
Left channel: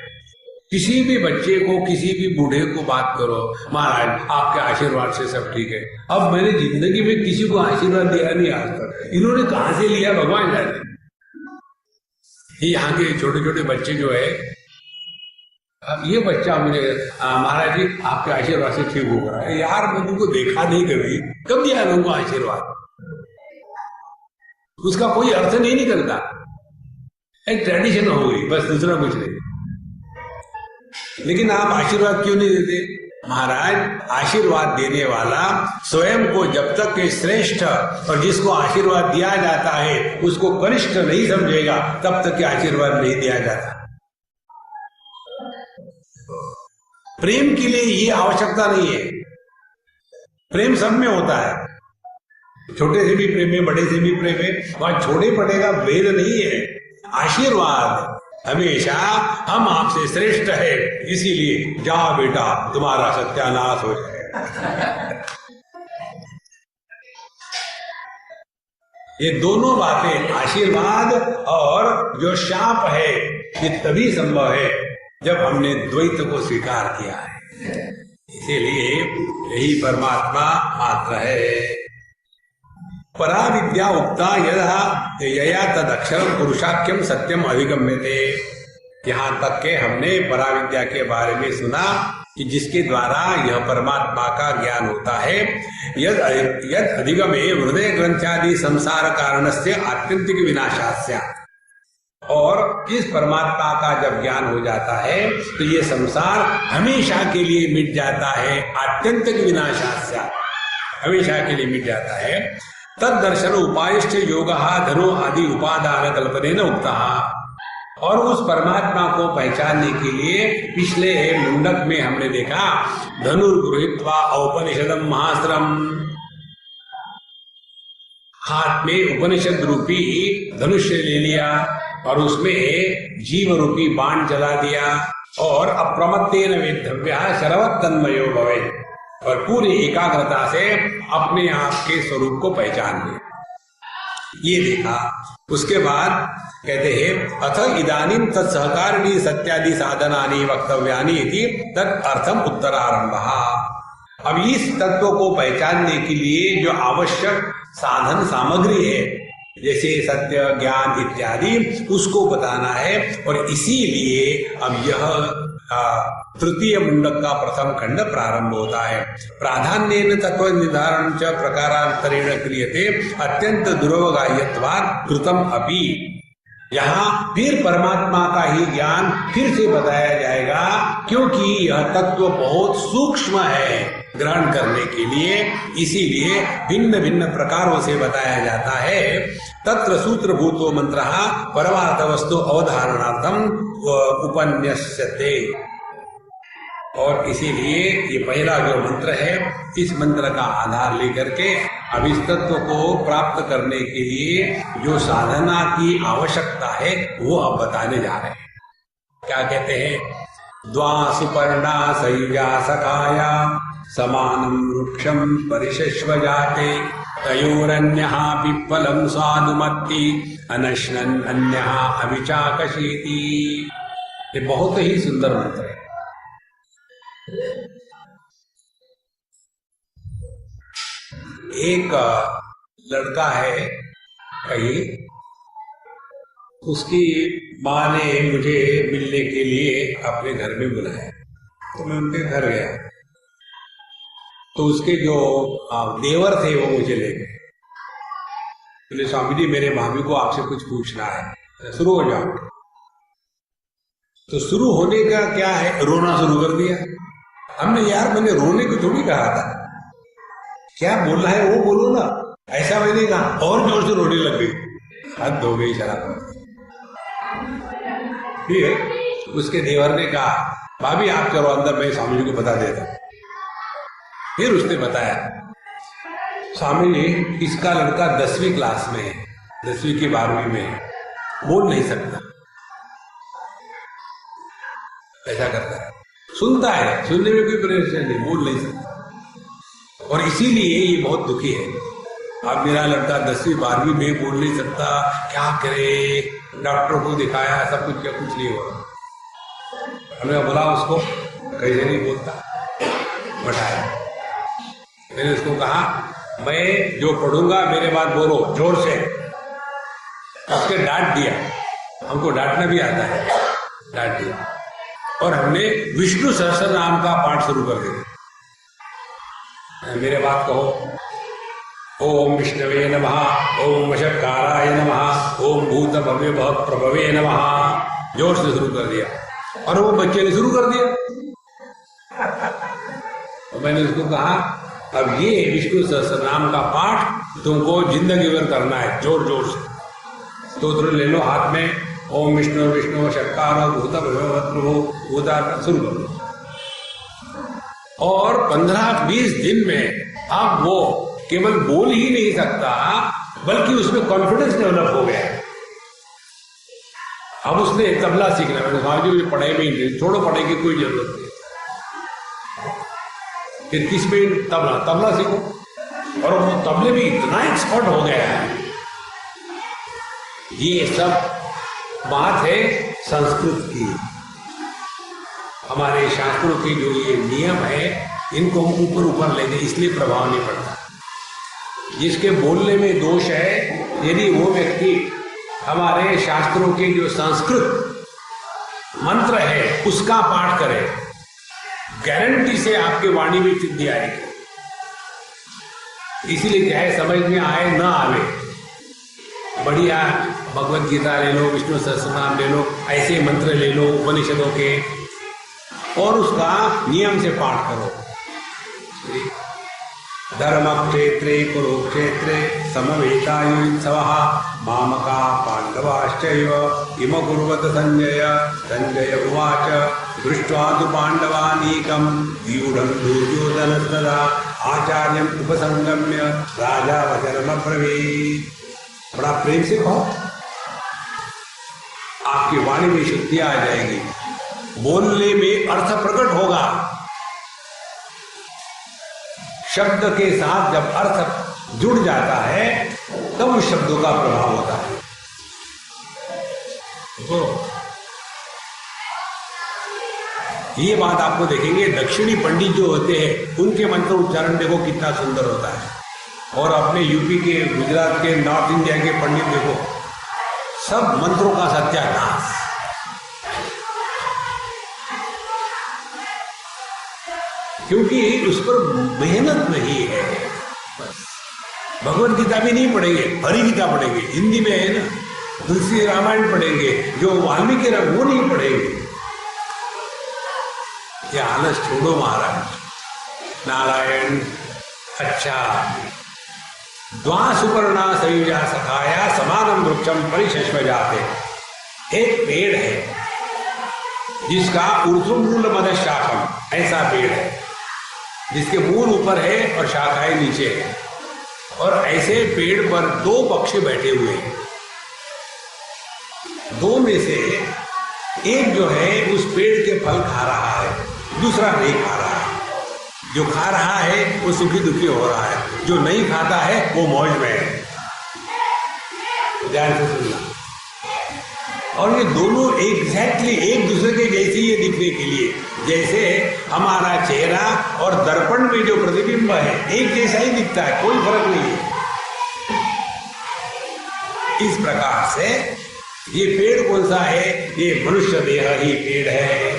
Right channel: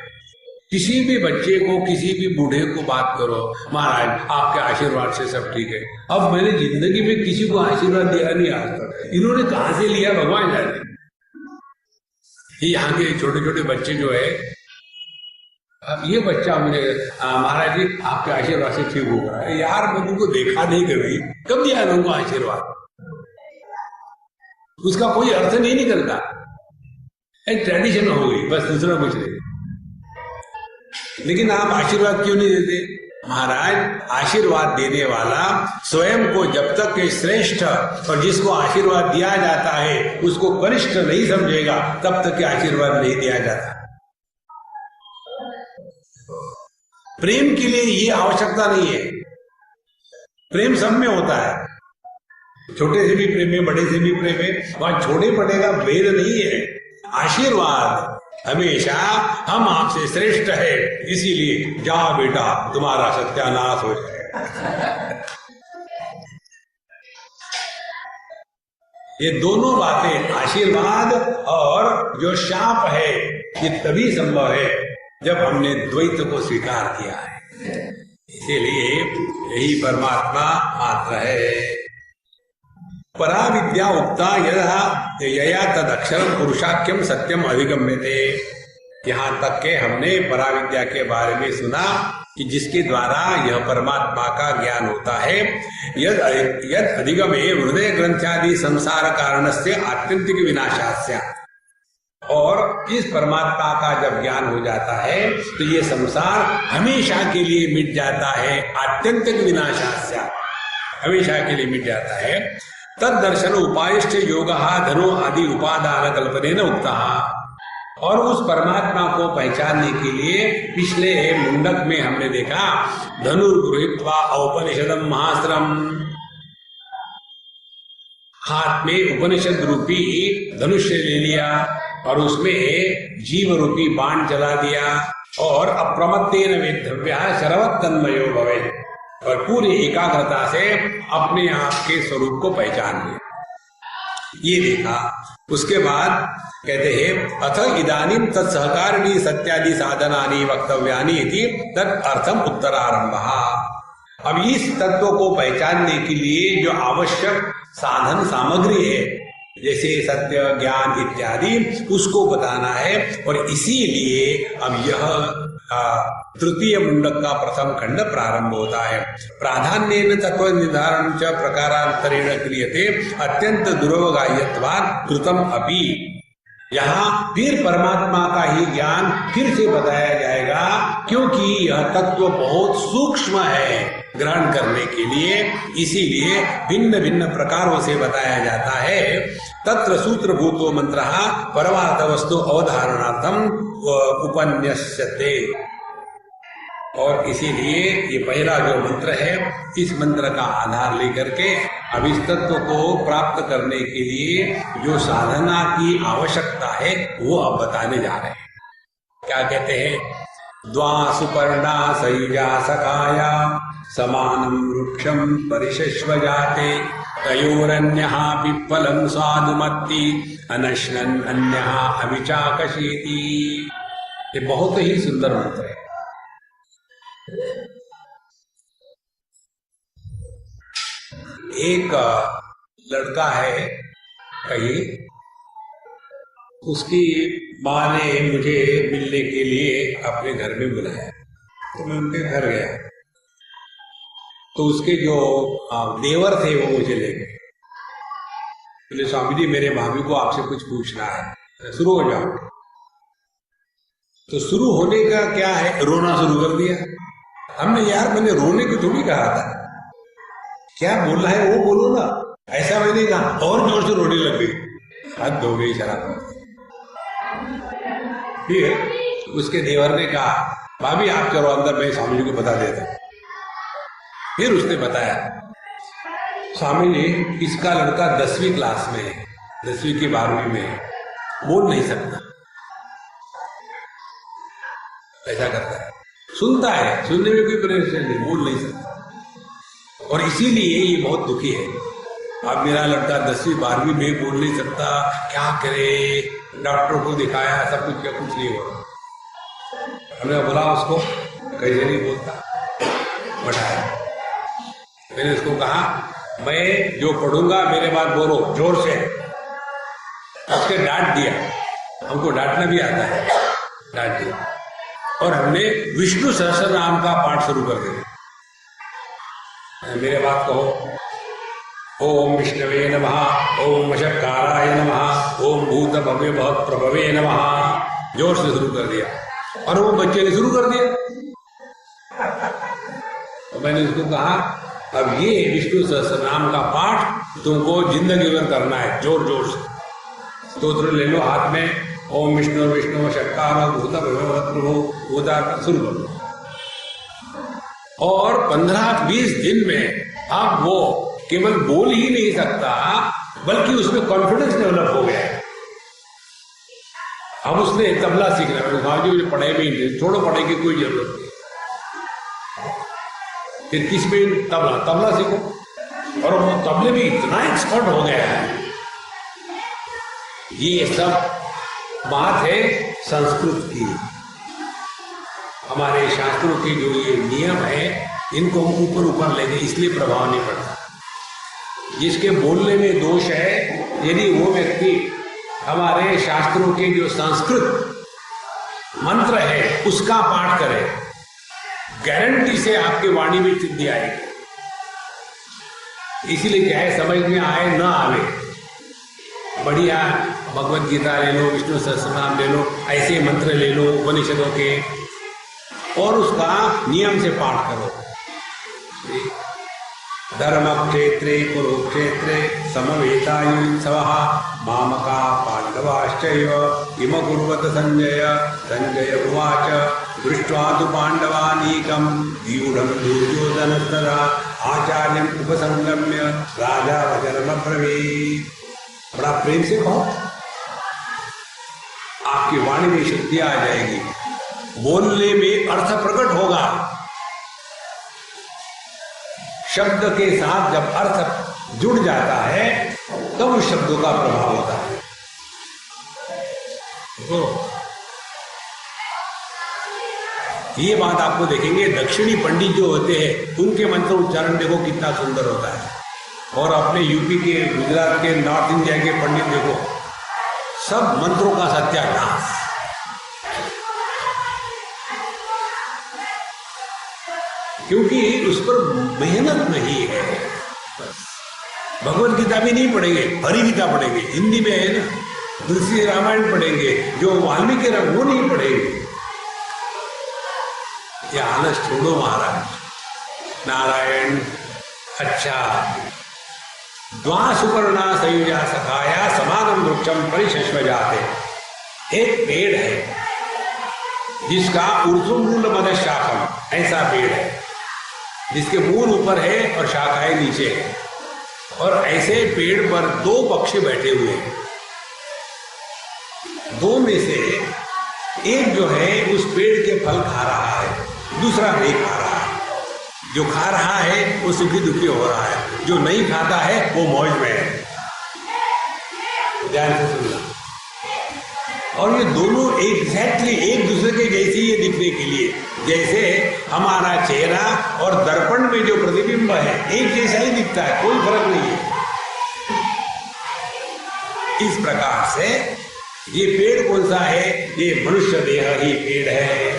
किसी भी बच्चे को, किसी भी बूढ़े को बात करो, महाराज आपके आशीर्वाद से सब ठीक है। अब मैंने जिंदगी में किसी को आशीर्वाद दिया नहीं आज तक, इन्होंने कहां से लिया भगवान जाने। यहाँ के छोटे छोटे बच्चे जो है, अब ये बच्चा मुझे महाराज जी आपके आशीर्वाद से ठीक हो रहा है। यार मैं तुमको देखा नहीं कभी, कब दिया तुमको आशीर्वाद? उसका कोई अर्थ नहीं निकलता, एक ट्रेडिशन हो गई बस, दूसरा कुछ नहीं। लेकिन आप आशीर्वाद क्यों नहीं देते? महाराज, आशीर्वाद देने वाला स्वयं को जब तक के श्रेष्ठ और जिसको आशीर्वाद दिया जाता है उसको कनिष्ठ नहीं समझेगा, तब तक के आशीर्वाद नहीं दिया जाता। प्रेम के लिए ये आवश्यकता नहीं है। प्रेम सब में होता है, छोटे से भी प्रेम है, बड़े से भी प्रेम है। वहां छोटे बड़े का भेद नहीं है। आशीर्वाद हमेशा हम आपसे श्रेष्ठ है, इसीलिए जाओ बेटा तुम्हारा सत्यानाश हो जाएगा। ये दोनों बातें, आशीर्वाद और जो शाप है, ये तभी संभव है जब हमने द्वैत को स्वीकार किया है। इसीलिए यही परमात्मा मात्र है। परा विद्या उक्ता यदा यया तद अक्षरम पुरुषाख्यम सत्यम अधिगम्यते। यहाँ तक के हमने परा विद्या के बारे में सुना कि जिसके द्वारा यह परमात्मा का ज्ञान होता है। यद अधिगमे हृदय ग्रंथादि संसार कारणस्य आत्यंतिक विनाशास्य। और इस परमात्मा का जब ज्ञान हो जाता है तो ये संसार हमेशा के लिए मिट जाता है। आत्यंतिक विनाशास्य, हमेशा के लिए मिट जाता है। तद दर्शन उपायश्च योगः धनु आदि उपादान कल्पनेन उक्तः। और उस परमात्मा को पहचानने के लिए पिछले मुंडक में हमने देखा, धनुर्गृहीत्वा औपनिषदम महास्त्रम। हाथ में उपनिषद रूपी धनुष्य ले लिया और उसमें जीव रूपी बाण चला दिया, और अप्रमत्तेन वेद्धव्यः शरवत्तन्मयो भवेत्। और पूरी एकाग्रता से अपने आप के स्वरूप को पहचान लिया, ये देखा। उसके बाद कहते हैं अथ इदानीं तत्सहकारिणी सत्यादि साधनानि वक्तव्यानि इति तत् अर्थम उत्तरारंभः। अब इस तत्व को पहचानने के लिए जो आवश्यक साधन सामग्री है, जैसे सत्य, ज्ञान इत्यादि, उसको बताना है। और इसीलिए अब यह तृतीय मुंडक का प्रथम खंड प्रारंभ होता है। प्राधान्येन तत्व निर्धारण च प्रकारांतरेण क्रियते अत्यंत दुर्वगाह्यत्वात् कृतम अपि। यहाँ फिर परमात्मा का ही ज्ञान फिर से बताया जाएगा, क्योंकि यह तत्व बहुत सूक्ष्म है ग्रहण करने के लिए, इसीलिए भिन्न भिन्न प्रकारों से बताया जाता है। तत्र सूत्रभूतो मंत्रः परमार्थ वस्तु अवधारणार्थम उपन्यस्यते। और इसीलिए ये पहला जो मंत्र है, इस मंत्र का आधार लेकर के अब इस तत्व को प्राप्त करने के लिए जो साधना की आवश्यकता है वो अब बताने जा रहे हैं। क्या कहते हैं? द्वा सुपर्णा सयुजा सखाया समानं वृक्षं परिशश्व जाते तयोरन्यः पिप्पलं स्वादुमत्ति अनश्नन् अन्यः अविचाकशीति। ये बहुत ही सुंदर मंत्र है। एक लड़का है कहीं, उसकी माँ ने मुझे मिलने के लिए अपने घर में बुलाया, तो मैं उनके घर गया। तो उसके जो देवर थे वो मुझे ले गए, बोले स्वामी जी मेरे भाभी को आपसे कुछ पूछना है, शुरू हो जाओ। तो शुरू होने का क्या है, रोना शुरू कर दिया। हमने यार मैंने रोने को थोड़ी कहा था, क्या बोलना है वो बोलो ना, ऐसा मैंने कहा, और जोर से रोने लग गई। हद हो गई शराब। ठीक है, उसके देवर ने कहा भाभी आप चलो अंदर, मैं स्वामी जी को बता देता। फिर उसने बताया स्वामी जी इसका लड़का 10वीं क्लास में है, 10वीं की 12वीं में है, बोल नहीं सकता, ऐसा करता है, सुनता है, सुनने में कोई परेशानी नहीं, बोल नहीं सकता। और इसीलिए ये बहुत दुखी है। अब मेरा लड़का 10वीं 12वीं में बोल नहीं सकता, क्या करे, डॉक्टर को दिखाया, सब कुछ, क्या कुछ नहीं हो रहा। हमने बोला उसको कैसे नहीं बोलता, बताया। मैंने उसको कहा मैं जो पढ़ूंगा मेरे बाद बोलो जोर से। उसके डांट दिया, हमको डांटना भी आता है, डांट दिया। और हमने विष्णु सहस्त्र नाम का पाठ शुरू कर दिया। मेरे बात कहो, ओम विष्णवे नमः, ओम वशक्काराय नमः, ओम भूत भव्य बहुत प्रभवे नमः, जोर से शुरू कर दिया। और वो बच्चे ने शुरू कर दिया। तो मैंने उसको कहा अब ये विष्णु सहस्त्र नाम का पाठ तुमको जिंदगी भर करना है, जोर जोर से। स्तोत्र ले लो हाथ में, ओम विष्णु विष्णु शक्कार भूत प्रभु भूता शुरू कर लो। और 15-20 दिन में अब वो केवल बोल ही नहीं सकता, बल्कि उसमें कॉन्फिडेंस डेवलप हो गया। अब उसने तबला सीखना है। स्वामी जी मुझे पढ़ाई में इंटरेस्ट, छोड़ो पढ़ाई की कोई जरूरत नहीं, फिर किस पे तबला सीखो। और वो तबले में इतना एक्सपर्ट हो गया है। ये सब बात है संस्कृत की। हमारे शास्त्रों के जो ये नियम है इनको हम ऊपर ऊपर ले गए, इसलिए प्रभाव नहीं पड़ता। जिसके बोलने में दोष है, यदि वो व्यक्ति हमारे शास्त्रों के जो संस्कृत मंत्र है उसका पाठ करे, गारंटी से आपके वाणी में सिद्धि आएगी। इसीलिए क्या है, समझ में आए ना आवे, बढ़िया भगवत गीता ले लो, विष्णु सहस्त्रनाम ले लो, ऐसे मंत्र ले लो उपनिषदों के, और उसका नियम से पाठ करो। धर्म क्षेत्रे कुरुक्षेत्रे समवेतायुत्सवः मामका पांडवाश्चैव इम कुर्वत संजय। संजय उवाच दृष्ट्वा तु पांडवानीकं व्यूढं दुर्योधनस्तदा आचार्यम् उपसंगम्य राजा वचनमब्रवीत्। बड़ा प्रेम से कहो, आपकी वाणी में शुद्धि आ जाएगी, बोलने में अर्थ प्रकट होगा। शब्द के साथ जब अर्थ जुड़ जाता है तब उस शब्दों का प्रभाव होता है। तो ये बात आपको देखेंगे, दक्षिणी पंडित जो होते हैं उनके मंत्र उच्चारण देखो कितना सुंदर होता है। और अपने यूपी के, गुजरात के, नॉर्थ इंडिया के पंडित देखो, सब मंत्रों का सत्यानाश। क्योंकि उस पर मेहनत नहीं है। बस भगवत गीता भी नहीं पढ़ेंगे, हरि गीता पढ़ेंगे, हिंदी में है ना, तुलसी रामायण पढ़ेंगे, जो वाल्मीकि वो नहीं पढ़ेंगे। ये आलस छोड़ो महाराज। नारायण। अच्छा, द्वा सुपर्णा सयुजा सखाया समानम वृक्षम परिशश्व जाते। एक पेड़ है, जिसका ऊर्ध्वमूल मध्य शाखम, ऐसा पेड़ है जिसके मूल ऊपर है और शाखाएं नीचे है, और ऐसे पेड़ पर दो पक्षी बैठे हुए हैं। दो में से एक जो है उस पेड़ के फल खा रहा है, दूसरा नहीं खा रहा है। जो खा रहा है वो सुखी दुखी हो रहा है, जो नहीं खाता है वो मौज में है। ध्यान से सुनना। और ये दोनों एग्जैक्टली एक दूसरे के जैसे ही दिखने के लिए, जैसे हमारा चेहरा और दर्पण में जो प्रतिबिंब है एक जैसा ही दिखता है, कोई फर्क नहीं है। इस प्रकार से ये पेड़ कौन सा है? ये मनुष्य देह ही पेड़ है,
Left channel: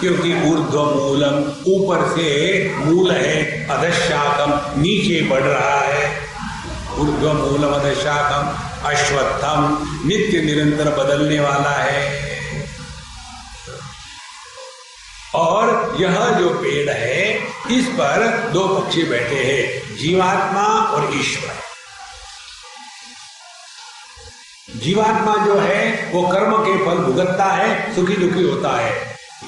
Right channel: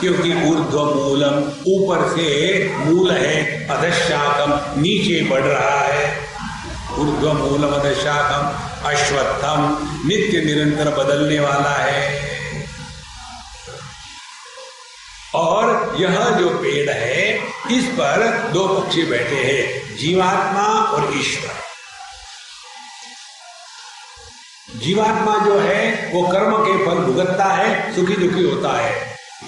क्योंकि ऊर्ध्व मूलम, ऊपर से मूल है, अधशाखम नीचे बढ़ रहा है। ऊर्ध्व मूलम अधशाखम, अश्वत्थम नित्य निरंतर बदलने वाला है। और यह जो पेड़ है इस पर दो पक्षी बैठे हैं, जीवात्मा और ईश्वर। जीवात्मा जो है वो कर्म के फल भुगतता है, सुखी दुखी होता है।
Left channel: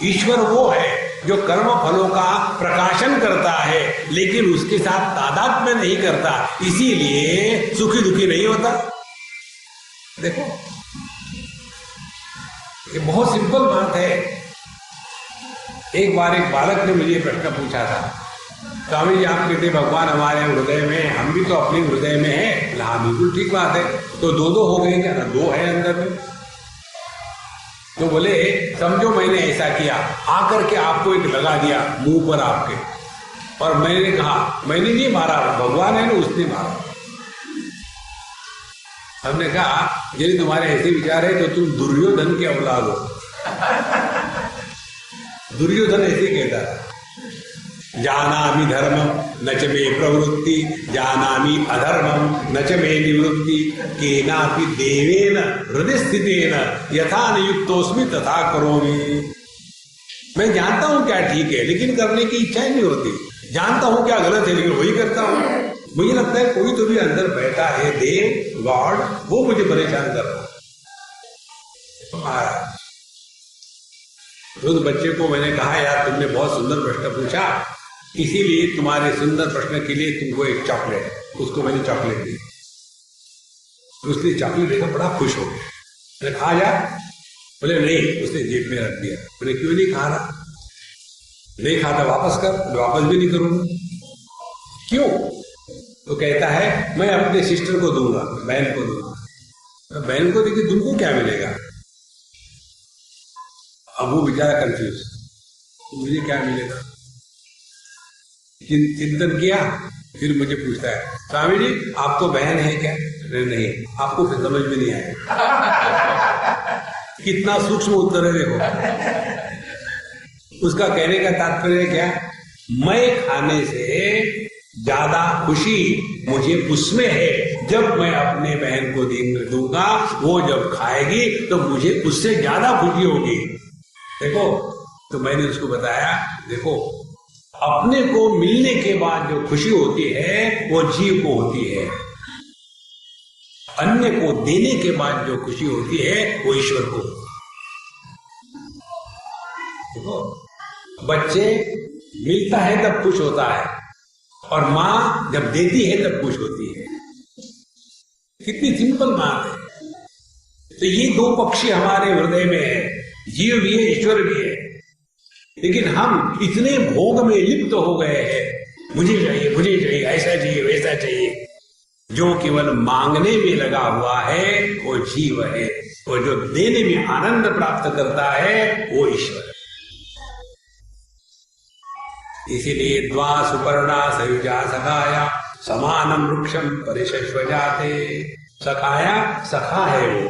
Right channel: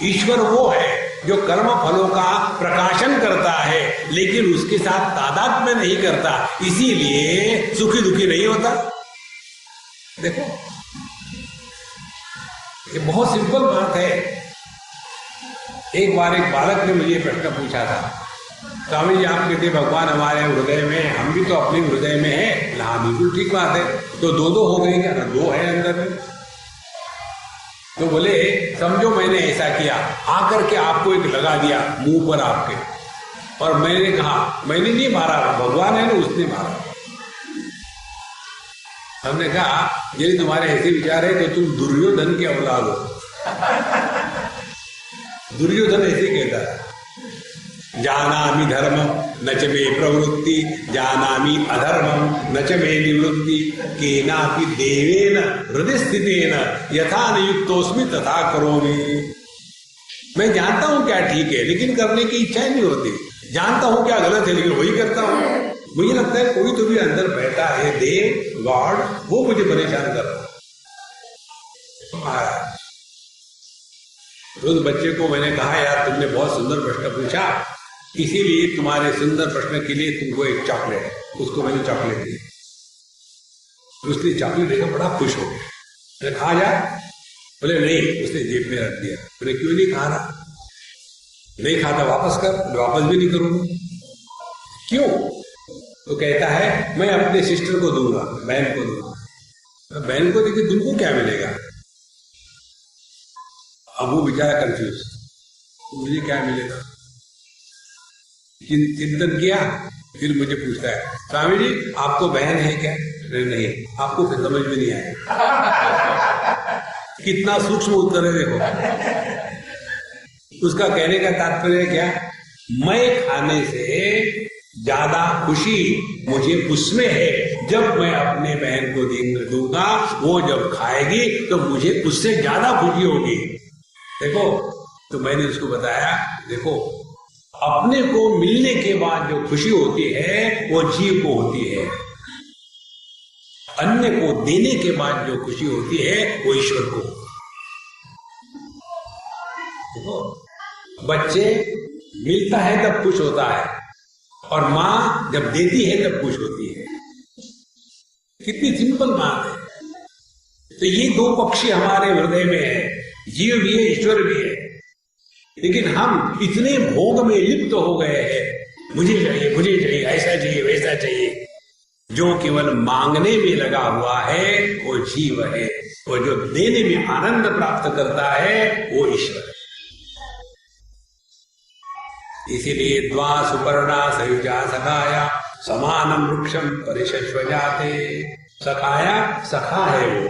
ईश्वर वो है जो कर्म फलों का प्रकाशन करता है, लेकिन उसके साथ तादात्म्य नहीं करता, इसीलिए सुखी दुखी नहीं होता। देखो, ये बहुत सिंपल बात है। एक बार एक बालक ने मुझे प्रश्न पूछा था, स्वामी जी आप कहते भगवान हमारे हृदय में, हम भी तो अपने हृदय में हैं। हाँ बिल्कुल ठीक बात है, तो दो दो हो गए क्या? दो है अंदर में। तो बोले समझो मैंने ऐसा किया, आकर के आपको एक लगा दिया मुंह पर आपके, और मैंने कहा मैंने नहीं मारा, भगवान है ना उसने मारा। हमने कहा यदि तुम्हारे ऐसे विचार है तो तुम दुर्योधन के औलाद हो। दुर्योधन ऐसे कहता है, जानामि धर्मम न च मे प्रवृत्ति, जानामि अधर्मम न च मे निवृत्ति, केनापि देवेन हृदय स्थितेन यथा नियुक्तोस्मि तथा करोमि। मैं जानता हूं क्या ठीक है, लेकिन करने की इच्छा नहीं होती। जानता हूं क्या गलत है, लेकिन वही करता हूं। मुझे लगता है कोई तो भी अंदर बैठा है, देव गॉड, वो मुझे परेशान कर रहा है। उस बच्चे को मैंने कहा यार तुमने बहुत सुंदर प्रश्न पूछा, इसीलिए तुम्हारे सुंदर प्रश्न के लिए तुमको एक चॉकलेट, उसको मैंने चॉकलेट दी। उसने चॉकलेट देखकर बड़ा खुश हो गया। मैंने खा जा? बोले नहीं, उसने जेब में रख दिया। बोले क्यों नहीं खा रहा? नहीं खाता वापस कर। वापस भी नहीं करूंगा। क्यों? तो कहता है मैं अपने सिस्टर को दूंगा, बहन को दूंगा। बहन को देखिए तुमको क्या मिलेगा? अब वो बेचारा कंफ्यूज, मुझे क्या मिलेगा? चिंतन किया, फिर मुझे पूछता है स्वामी जी आपको बहन है क्या? नहीं। आपको फिर समझ में नहीं आएगा। कितना सूक्ष्म उत्तर है देखो। उसका कहने का तात्पर्य क्या? मैं खाने से ज्यादा खुशी मुझे उसमें है जब मैं अपने बहन को दूंगा, वो जब खाएगी तो मुझे उससे ज्यादा खुशी होगी। देखो, तो मैंने उसको बताया देखो, अपने को मिलने के बाद जो खुशी होती है वो जीव को होती है, अन्य को देने के बाद जो खुशी होती है वो ईश्वर को। देखो, बच्चे मिलता है तब खुश होता है, और मां जब देती है तब खुश होती है। कितनी सिंपल बात है। तो ये दो पक्षी हमारे हृदय में है, जीव भी है ईश्वर भी है, लेकिन हम इतने भोग में लिप्त हो गए हैं, मुझे चाहिए, ऐसा चाहिए, वैसा चाहिए। जो केवल मांगने में लगा हुआ है वो जीव है, और जो देने में आनंद प्राप्त करता है वो ईश्वर है। इसीलिए द्वा सुपर्णा सयुजा सखाया समानम वृक्षम परिशश्वजाते। सखाया, सखा है वो,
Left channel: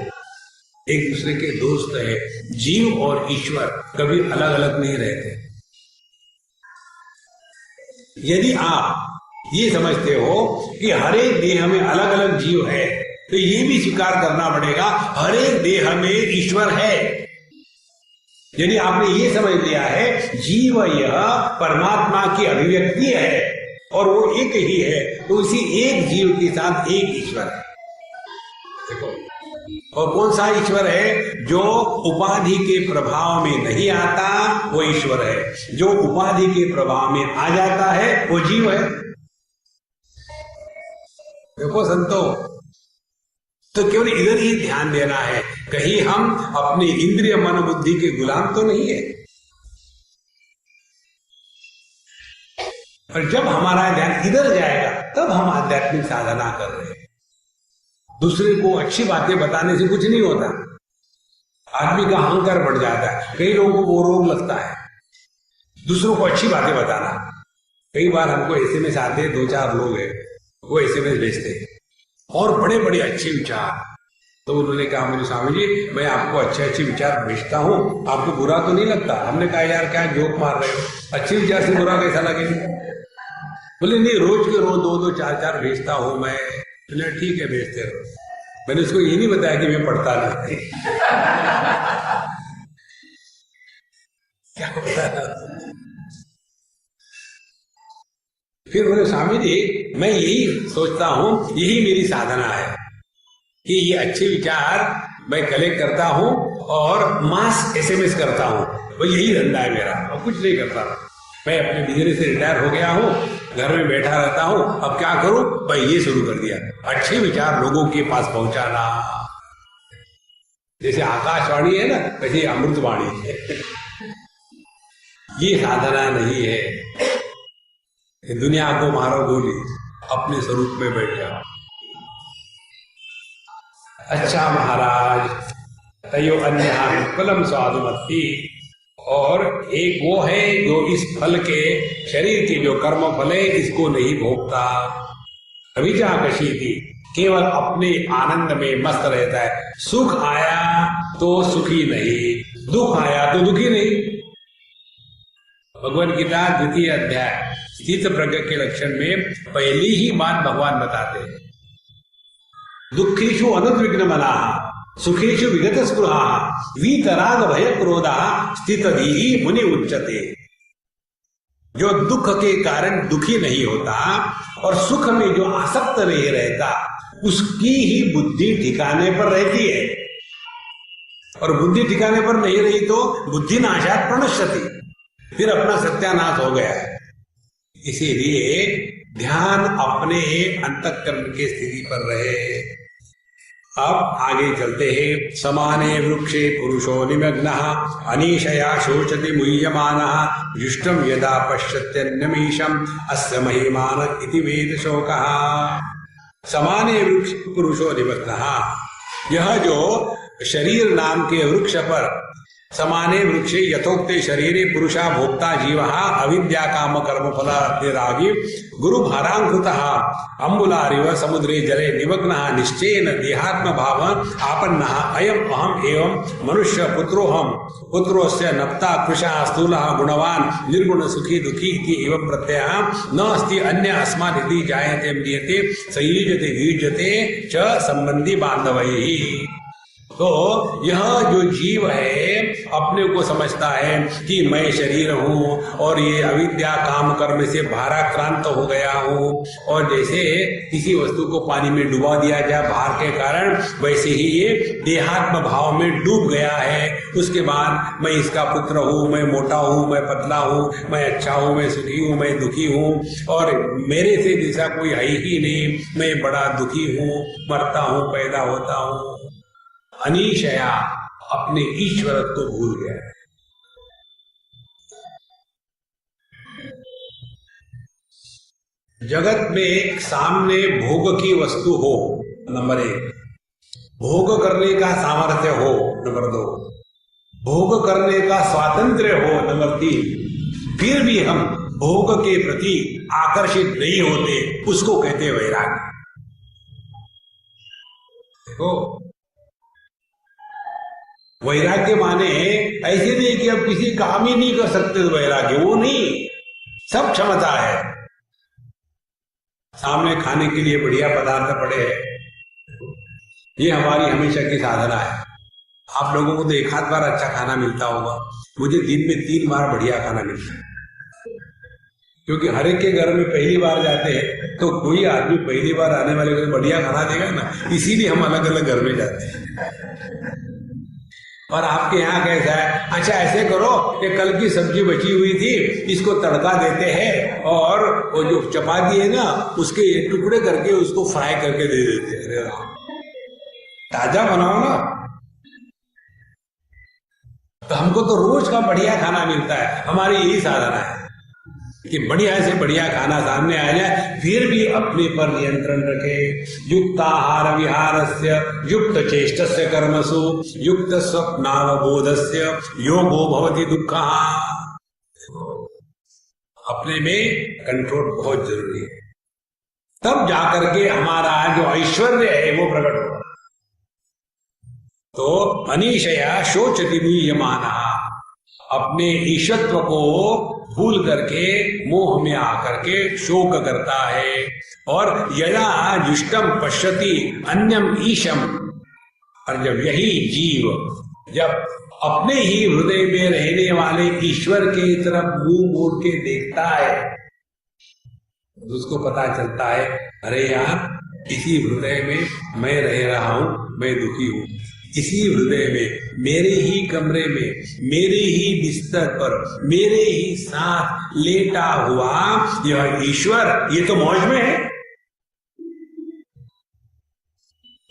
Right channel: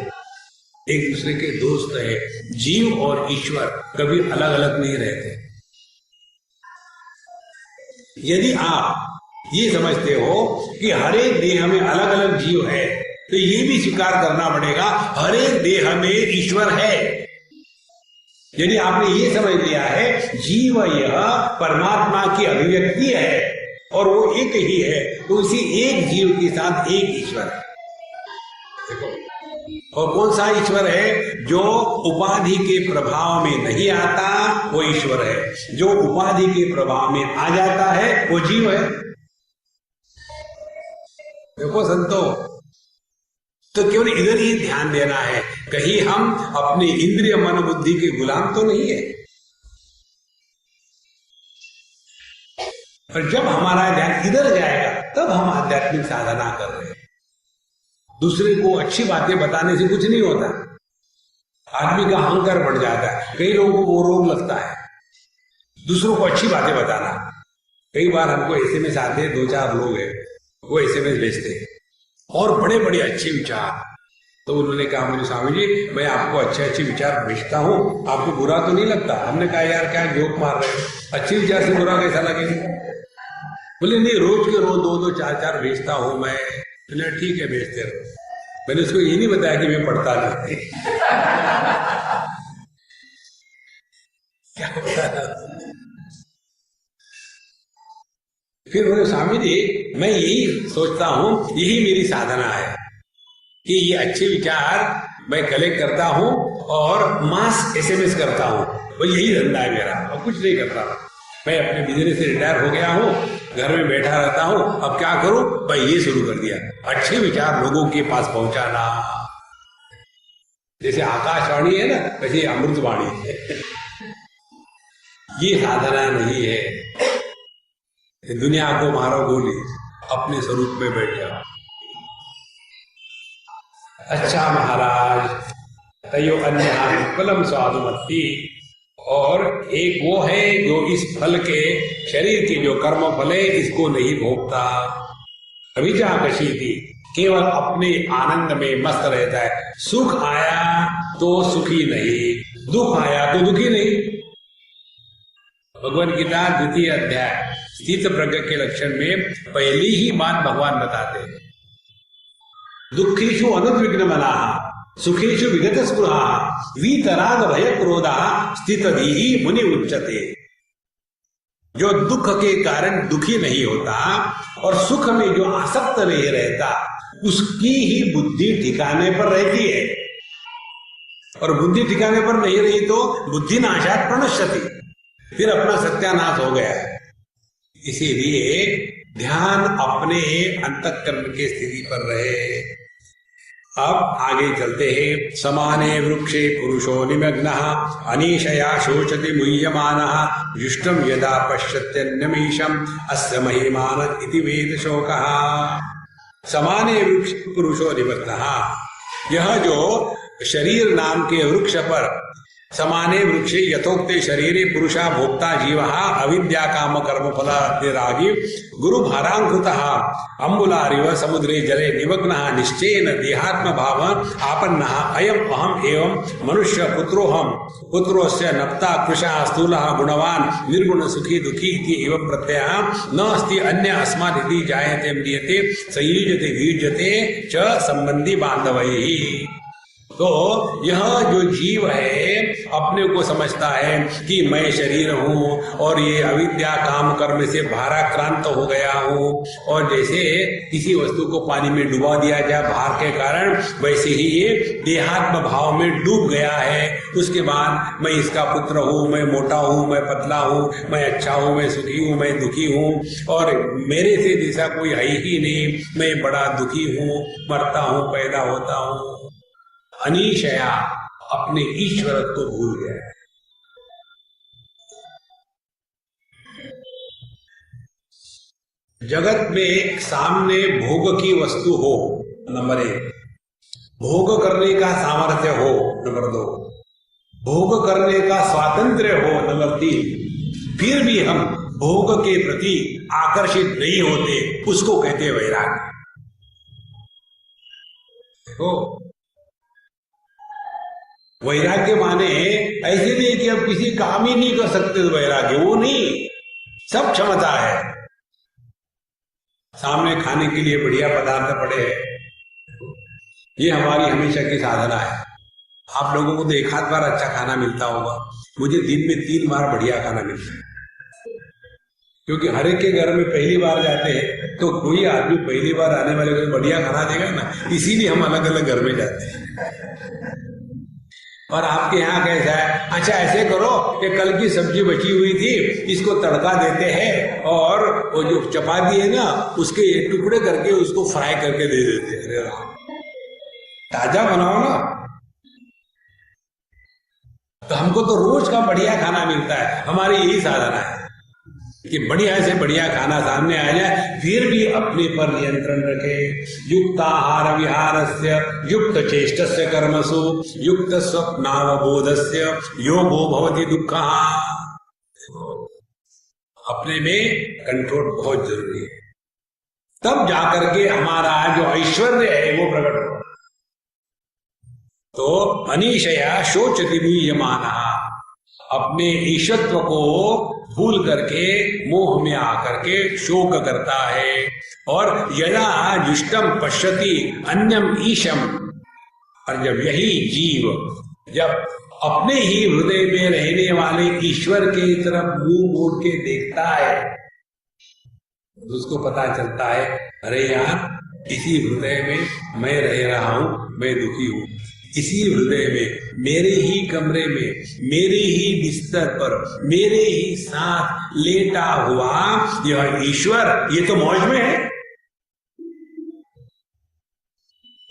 एक दूसरे के दोस्त है। जीव और ईश्वर कभी अलग अलग नहीं रहते। यदि आप ये समझते हो कि हर एक देह में अलग अलग जीव है, तो ये भी स्वीकार करना पड़ेगा हर एक देह में ईश्वर है। यदि आपने ये समझ लिया है जीव यह परमात्मा की अभिव्यक्ति है और वो एक ही है, तो उसी एक जीव के साथ एक ईश्वर है। देखो, और कौन सा ईश्वर है? जो उपाधि के प्रभाव में नहीं आता वो ईश्वर है, जो उपाधि के प्रभाव में आ जाता है वो जीव है। देखो संतो, तो केवल इधर ही ध्यान देना है, कहीं हम अपने इंद्रिय मन बुद्धि के गुलाम तो नहीं है। और जब हमारा ध्यान इधर जाएगा तब हम आध्यात्मिक साधना कर रहे हैं। दूसरे को अच्छी बातें बताने से कुछ नहीं होता, आदमी का अहंकार बढ़ जाता है। कई लोगों को वो रोग लगता है दूसरों को अच्छी बातें बताना। कई बार हमको एसएमएस आते हैं, 2-4 लोग हैं वो एसएमएस भेजते हैं और बड़े बड़े अच्छे विचार। तो उन्होंने कहा, मुझे स्वामी जी मैं आपको अच्छे अच्छे विचार भेजता हूँ, आपको बुरा तो नहीं लगता? हमने कहा यार क्या जोक मार रहे हो, अच्छे विचार से बुरा कैसा लगेगा? बोले नहीं, रोज के रोज 2-2, 4-4 भेजता हूँ मैं। ठीक है भेजते रहो। मैंने उसको ये नहीं बताया कि मैं पढ़ता नहीं। क्या बताया? फिर बोले स्वामी जी मैं यही सोचता हूं, यही मेरी साधना है कि ये अच्छे विचार मैं कलेक्ट करता हूं और मास एसएमएस करता हूं, वो यही धंधा है मेरा, और कुछ नहीं करता। मैं अपने बिजनेस से रिटायर हो गया हूं, घर में बैठा रहता हूं, अब क्या करूं? भाई ये शुरू कर दिया, अच्छे विचार लोगों के पास पहुंचाना। जैसे आकाशवाणी है ना, वैसे अमृतवाणी है। ये साधना नहीं है। दुनिया को मारो गोली, अपने स्वरूप में बैठ जाओ। अच्छा महाराज, तयो अन्य फलम स्वादुमत्ति, और एक वो है जो इस फल के, शरीर के जो कर्म फल है इसको नहीं भोगता। अभिजाकशी थी, केवल अपने आनंद में मस्त रहता है। सुख आया तो सुखी नहीं, दुख आया तो दुखी नहीं। भगवद गीता 2य अध्याय स्थित प्रज्ञ के लक्षण में पहली ही बात भगवान बताते हैं, दुखेषु अनुद्विग्न मनाः सुखेषु विगत स्पृहाः वीतराग भय क्रोधाः स्थितधीः मुनि उच्यते। जो दुख के कारण दुखी नहीं होता और सुख में जो आसक्त नहीं रहता, उसकी ही बुद्धि ठिकाने पर रहती है। और बुद्धि ठिकाने पर नहीं रही तो बुद्धि नाशात् प्रणश्यति, फिर अपना सत्यानाश हो गया है। इसीलिए ध्यान अपने अंतःकरण के स्थिति पर रहे। अब आगे चलते हैं। समाने वृक्षे पुरुषो निमग्नः अनीशया शोचति मुह्यमानः जुष्टं यदा पश्यत्यन्यमीशम् अस्य महिमान इति वेद शोकः। समाने वृक्ष पुरुषो निमग्नः, यह जो शरीर नाम के वृक्ष पर समाने वृक्षे यथोक्ते शरीरे पुरुषा भोक्ता जीवः अविद्या काम कर्म फलादिरागी गुरु भारांकृतः अम्बुलारिव समुद्रे जले निमग्नः निश्चयेन देहात्म भाव आपन्नः अयम् अहम् एवं मनुष्य पुत्रोऽहम् पुत्रोऽस्य नप्ता कृशः स्थूलः गुणवान् निर्गुण सुखी दुखी इति एवं प्रत्ययः न अस्ति अन्य अस्मात् इति जायते म्रियते संयुज्यते वियुज्यते च संबंधी बांधवैः। तो यह जो जीव है अपने को समझता है कि मैं शरीर हूँ और ये अविद्या काम कर्म से भाराक्रांत हो गया हूँ, और जैसे किसी वस्तु को पानी में डुबा दिया जाए भार के कारण, वैसे ही ये देहात्म भाव में डूब गया है। उसके बाद मैं इसका पुत्र हूँ, मैं मोटा हूँ, मैं पतला हूँ, मैं अच्छा हूँ, मैं सुखी हूँ, मैं दुखी हूँ, और मेरे से जैसा कोई है ही नहीं, मैं बड़ा दुखी हूँ, मरता हूँ, पैदा होता हूँ। अनीशया, अपने ईश्वरत्व को भूल गया है। जगत में सामने भोग की वस्तु हो, नंबर 1, भोग करने का सामर्थ्य हो, नंबर 2, भोग करने का स्वातंत्र्य हो, नंबर 3, फिर भी हम भोग के प्रति आकर्षित नहीं होते, उसको कहते हैं वैराग्य। देखो, वैराग्य माने ऐसे नहीं कि अब किसी काम ही नहीं कर सकते तो वैराग्य, वो नहीं, सब क्षमता है। सामने खाने के लिए बढ़िया पदार्थ पड़े हैं, ये हमारी हमेशा की साधना है। आप लोगों को तो एक आध बार अच्छा खाना मिलता होगा, मुझे दिन में 3 बार बढ़िया खाना मिलता है, क्योंकि हर एक के घर में पहली बार जाते हैं तो कोई आदमी पहली बार आने वाले को बढ़िया खाना देगा ना, इसीलिए हम अलग अलग घर में जाते हैं। और आपके यहाँ कैसा है? अच्छा ऐसे करो, ये कल की सब्जी बची हुई थी, इसको तड़का देते हैं और वो जो चपाती है ना उसके टुकड़े करके उसको फ्राई करके दे देते हैं। अरे राम, ताजा बनाओ ना। तो हमको तो रोज का बढ़िया खाना मिलता है, हमारी यही साधना है कि बढ़िया से बढ़िया खाना सामने आ जाए, फिर भी अपने पर नियंत्रण रखे। युक्त आहार विहारस्य युक्त चेष्टस्य कर्मसु युक्त स्वप्नावबोधस्य योगो भवति दुःखः। अपने में कंट्रोल बहुत जरूरी है, तब जाकर के हमारा जो ऐश्वर्य है वो प्रकट होगा। तो अनीशया शोचति मुह्यमानः, अपने ईशत्व को भूल करके मोह में आकर के शोक करता है। और यदा जुष्टम पश्यति अन्यम ईशम, और जब यही जीव जब अपने ही हृदय में रहने वाले ईश्वर के तरफ मुंह मोड़ के देखता है तो उसको पता चलता है, अरे यार इसी हृदय में मैं रह रहा हूं, मैं दुखी हूं। इसी हृदय में, मेरे ही कमरे में, मेरे ही बिस्तर पर, मेरे ही साथ लेटा हुआ यह ईश्वर, ये तो मौज में है।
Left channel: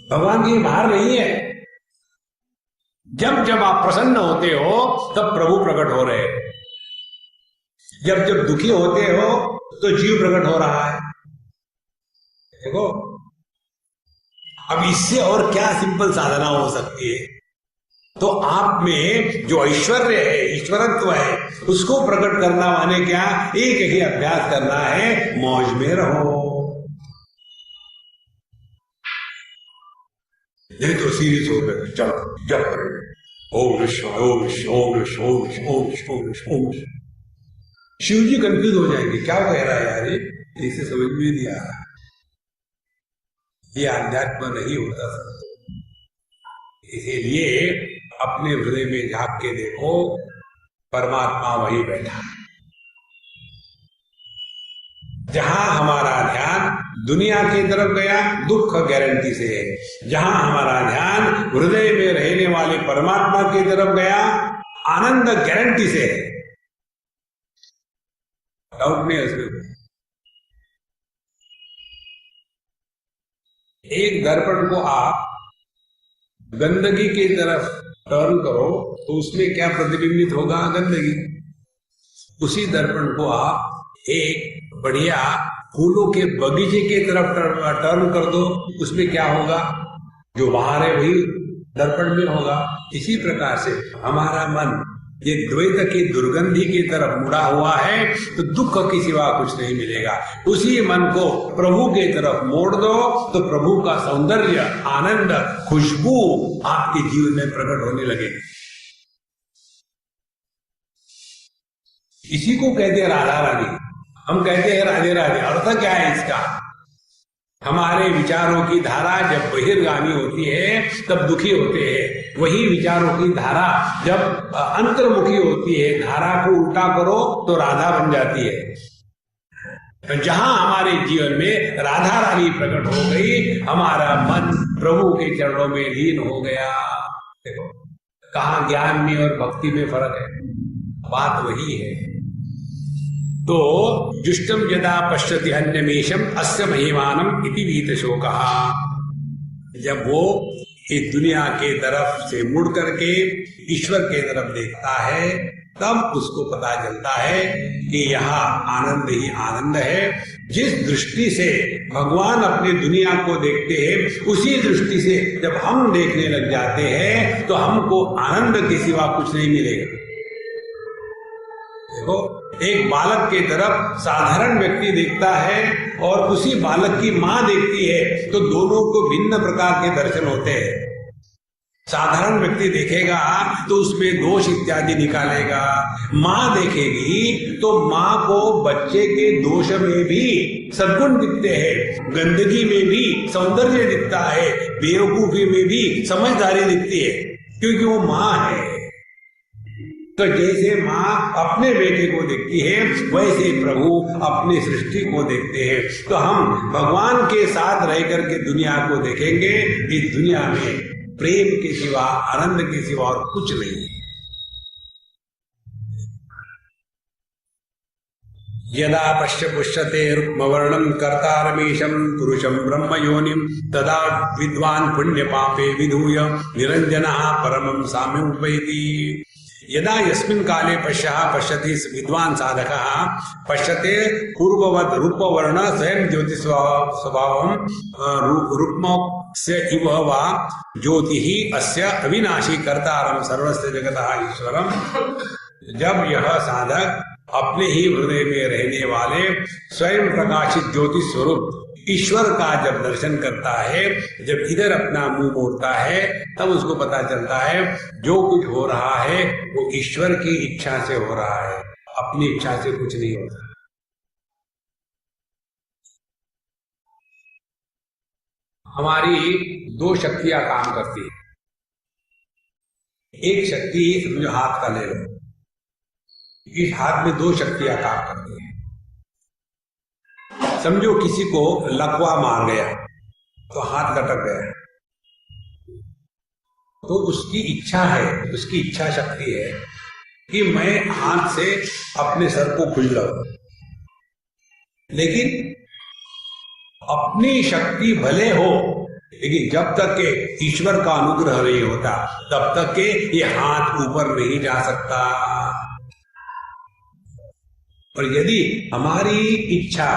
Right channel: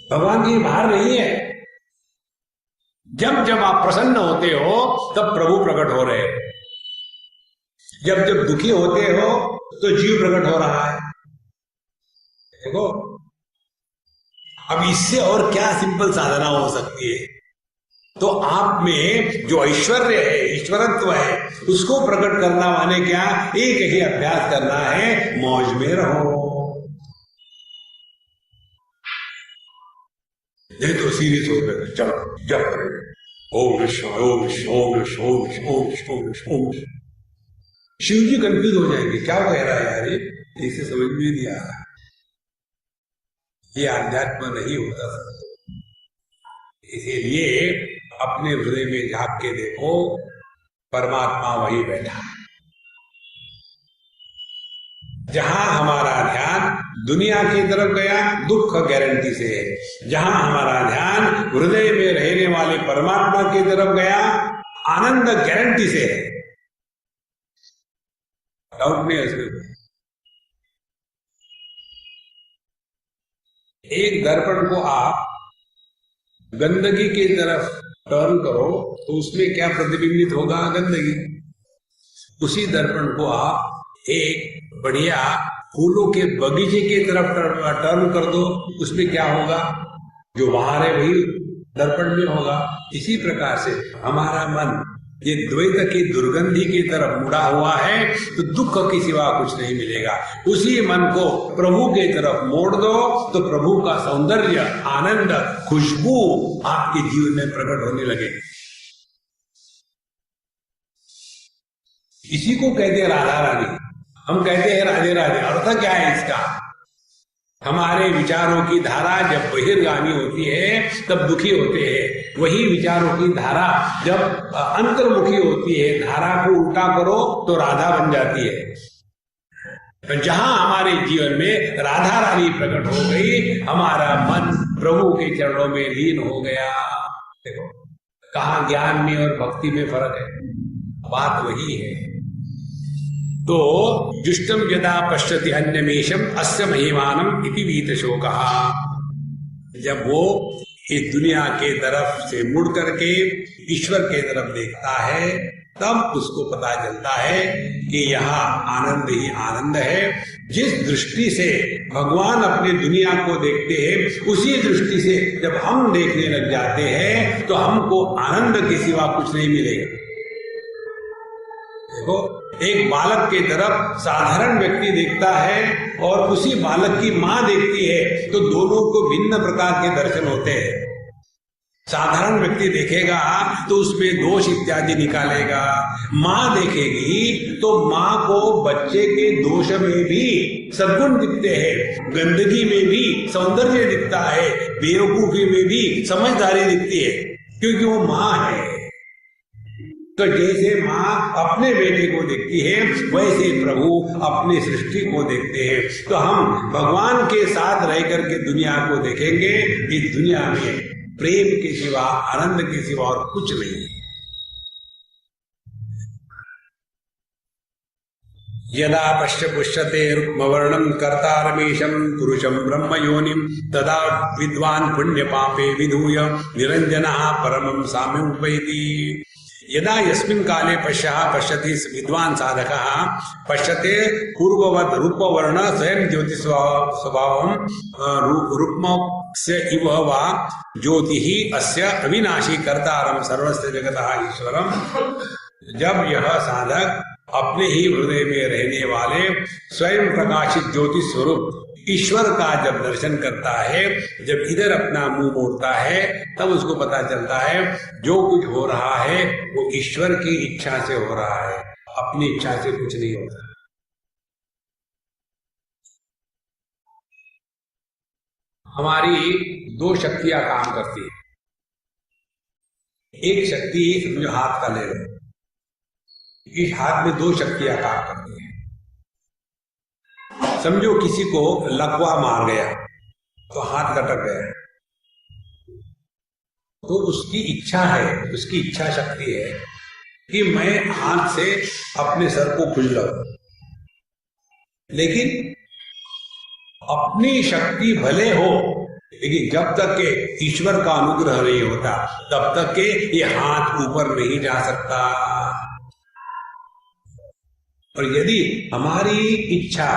भगवान की बाहर नहीं है। जब जब आप प्रसन्न होते हो तब प्रभु प्रकट हो रहे हैं, जब जब दुखी होते हो तो जीव प्रकट हो रहा है। देखो, अब इससे और क्या सिंपल साधना हो सकती है? तो आप में जो ऐश्वर्य है, ईश्वरत्व है, उसको प्रकट करना माने क्या? एक ही अभ्यास करना है, मौज में रहो। नहीं तो सीरियस हो गए, चलो जब करेंगे ओम विष्णु ओम विष्णु ओम विष्णु ओम विष्णु ओम विष्णु ओम विष्णु ओम विष्णु। शिव जी कंफ्यूज हो जाएंगे, क्या कह रहा है यार ये, इसे समझ में नहीं आ रहा। ये आध्यात्म नहीं होता सर। इसीलिए अपने हृदय में झांक के देखो, परमात्मा वही बैठा है। जहां हमारा ध्यान दुनिया की तरफ गया, दुख गारंटी से है। जहां हमारा ध्यान हृदय में रहने वाले परमात्मा की तरफ गया, आनंद गारंटी से है। डाउट नहीं है उसमें। एक दर्पण को आप गंदगी की तरफ टर्न करो तो उसमें क्या प्रतिबिंबित होगा? गंदगी। उसी दर्पण को आप एक बढ़िया फूलों के बगीचे की तरफ टर्न कर दो, उसमें क्या होगा? जो बाहर है वही दर्पण में होगा। इसी प्रकार से हमारा मन ये द्वैत की दुर्गंधी की तरफ मुड़ा हुआ है तो दुख के सिवा कुछ नहीं मिलेगा। उसी मन को प्रभु की तरफ मोड़ दो तो प्रभु का सौंदर्य, आनंद, खुशबू आपके जीवन में प्रकट होने लगेगी। इसी को कहते हैं राधा रानी। हम कहते हैं राधे राधे, अर्थ क्या है इसका? हमारे विचारों की धारा जब बहिर्गामी होती है तब दुखी होते हैं। वही विचारों की धारा जब अंतर्मुखी होती है, धारा को उल्टा करो तो राधा बन जाती है। तो जहां हमारे जीवन में राधा रानी प्रकट हो गई, हमारा मन प्रभु के चरणों में लीन हो गया। देखो कहाँ ज्ञान में और भक्ति में फर्क है, बात वही है। तो जुष्टम यदा पश्यति अन्यमेषम अस्य महिमानम इति वीत शोकः। जब वो इस दुनिया के तरफ से मुड़ करके ईश्वर के तरफ देखता है तब उसको पता चलता है कि यहाँ आनंद ही आनंद है। जिस दृष्टि से भगवान अपने दुनिया को देखते हैं उसी दृष्टि से जब हम देखने लग जाते हैं तो हमको आनंद के सिवा कुछ नहीं मिलेगा। देखो एक बालक की तरफ साधारण व्यक्ति देखता है और उसी बालक की माँ देखती है तो दोनों को भिन्न प्रकार के दर्शन होते हैं। साधारण व्यक्ति देखेगा तो उसमें दोष इत्यादि निकालेगा, माँ देखेगी तो माँ को बच्चे के दोष में भी सद्गुण दिखते हैं, गंदगी में भी सौंदर्य दिखता है, बेवकूफी में भी समझदारी दिखती है, क्योंकि वो माँ है। तो जैसे माँ अपने बेटे को देखती है वैसे प्रभु अपनी सृष्टि को देखते हैं। तो हम भगवान के साथ रह करके दुनिया को देखेंगे। इस दुनिया में प्रेम के सिवा, आनंद के सिवा और कुछ नहीं है। यदा पश्य पुष्यते रुक्मवर्णं कर्तारमीशं पुरुषं ब्रह्मयोनिं तदा विद्वान् पुण्य पापे विधूय निरंजनः परमं साम्यमुपैति। यदा यस्मिन् काले पश्यति विद्वान् साधकः पश्यते पूर्ववत् रूपवर्ण स्वयं ज्योतिष स्वभावं रूपस्य इव वा ज्योतिः अस्य अविनाशी कर्तारं सर्वस्य जगतः ईश्वरं। जब यह साधक अपने ही हृदय में रहने वाले स्वयं प्रकाशित ज्योति स्वरूप ईश्वर का जब दर्शन करता है, जब इधर अपना मुंह मोड़ता है, तब उसको पता चलता है जो कुछ हो रहा है वो ईश्वर की इच्छा से हो रहा है, अपनी इच्छा से कुछ नहीं होता। हमारी दो शक्तियां काम करती है। एक शक्ति समझो हाथ का ले लो, इस हाथ में दो शक्तियां काम करती हैं। समझो किसी को लकवा मार गया तो हाथ कटक गया, तो उसकी इच्छा है, उसकी इच्छा शक्ति है कि मैं हाथ से अपने सर को खुल लूं। लेकिन अपनी शक्ति भले हो, लेकिन जब तक के ईश्वर का अनुग्रह नहीं होता तब तक के ये हाथ ऊपर नहीं जा सकता। और यदि हमारी इच्छा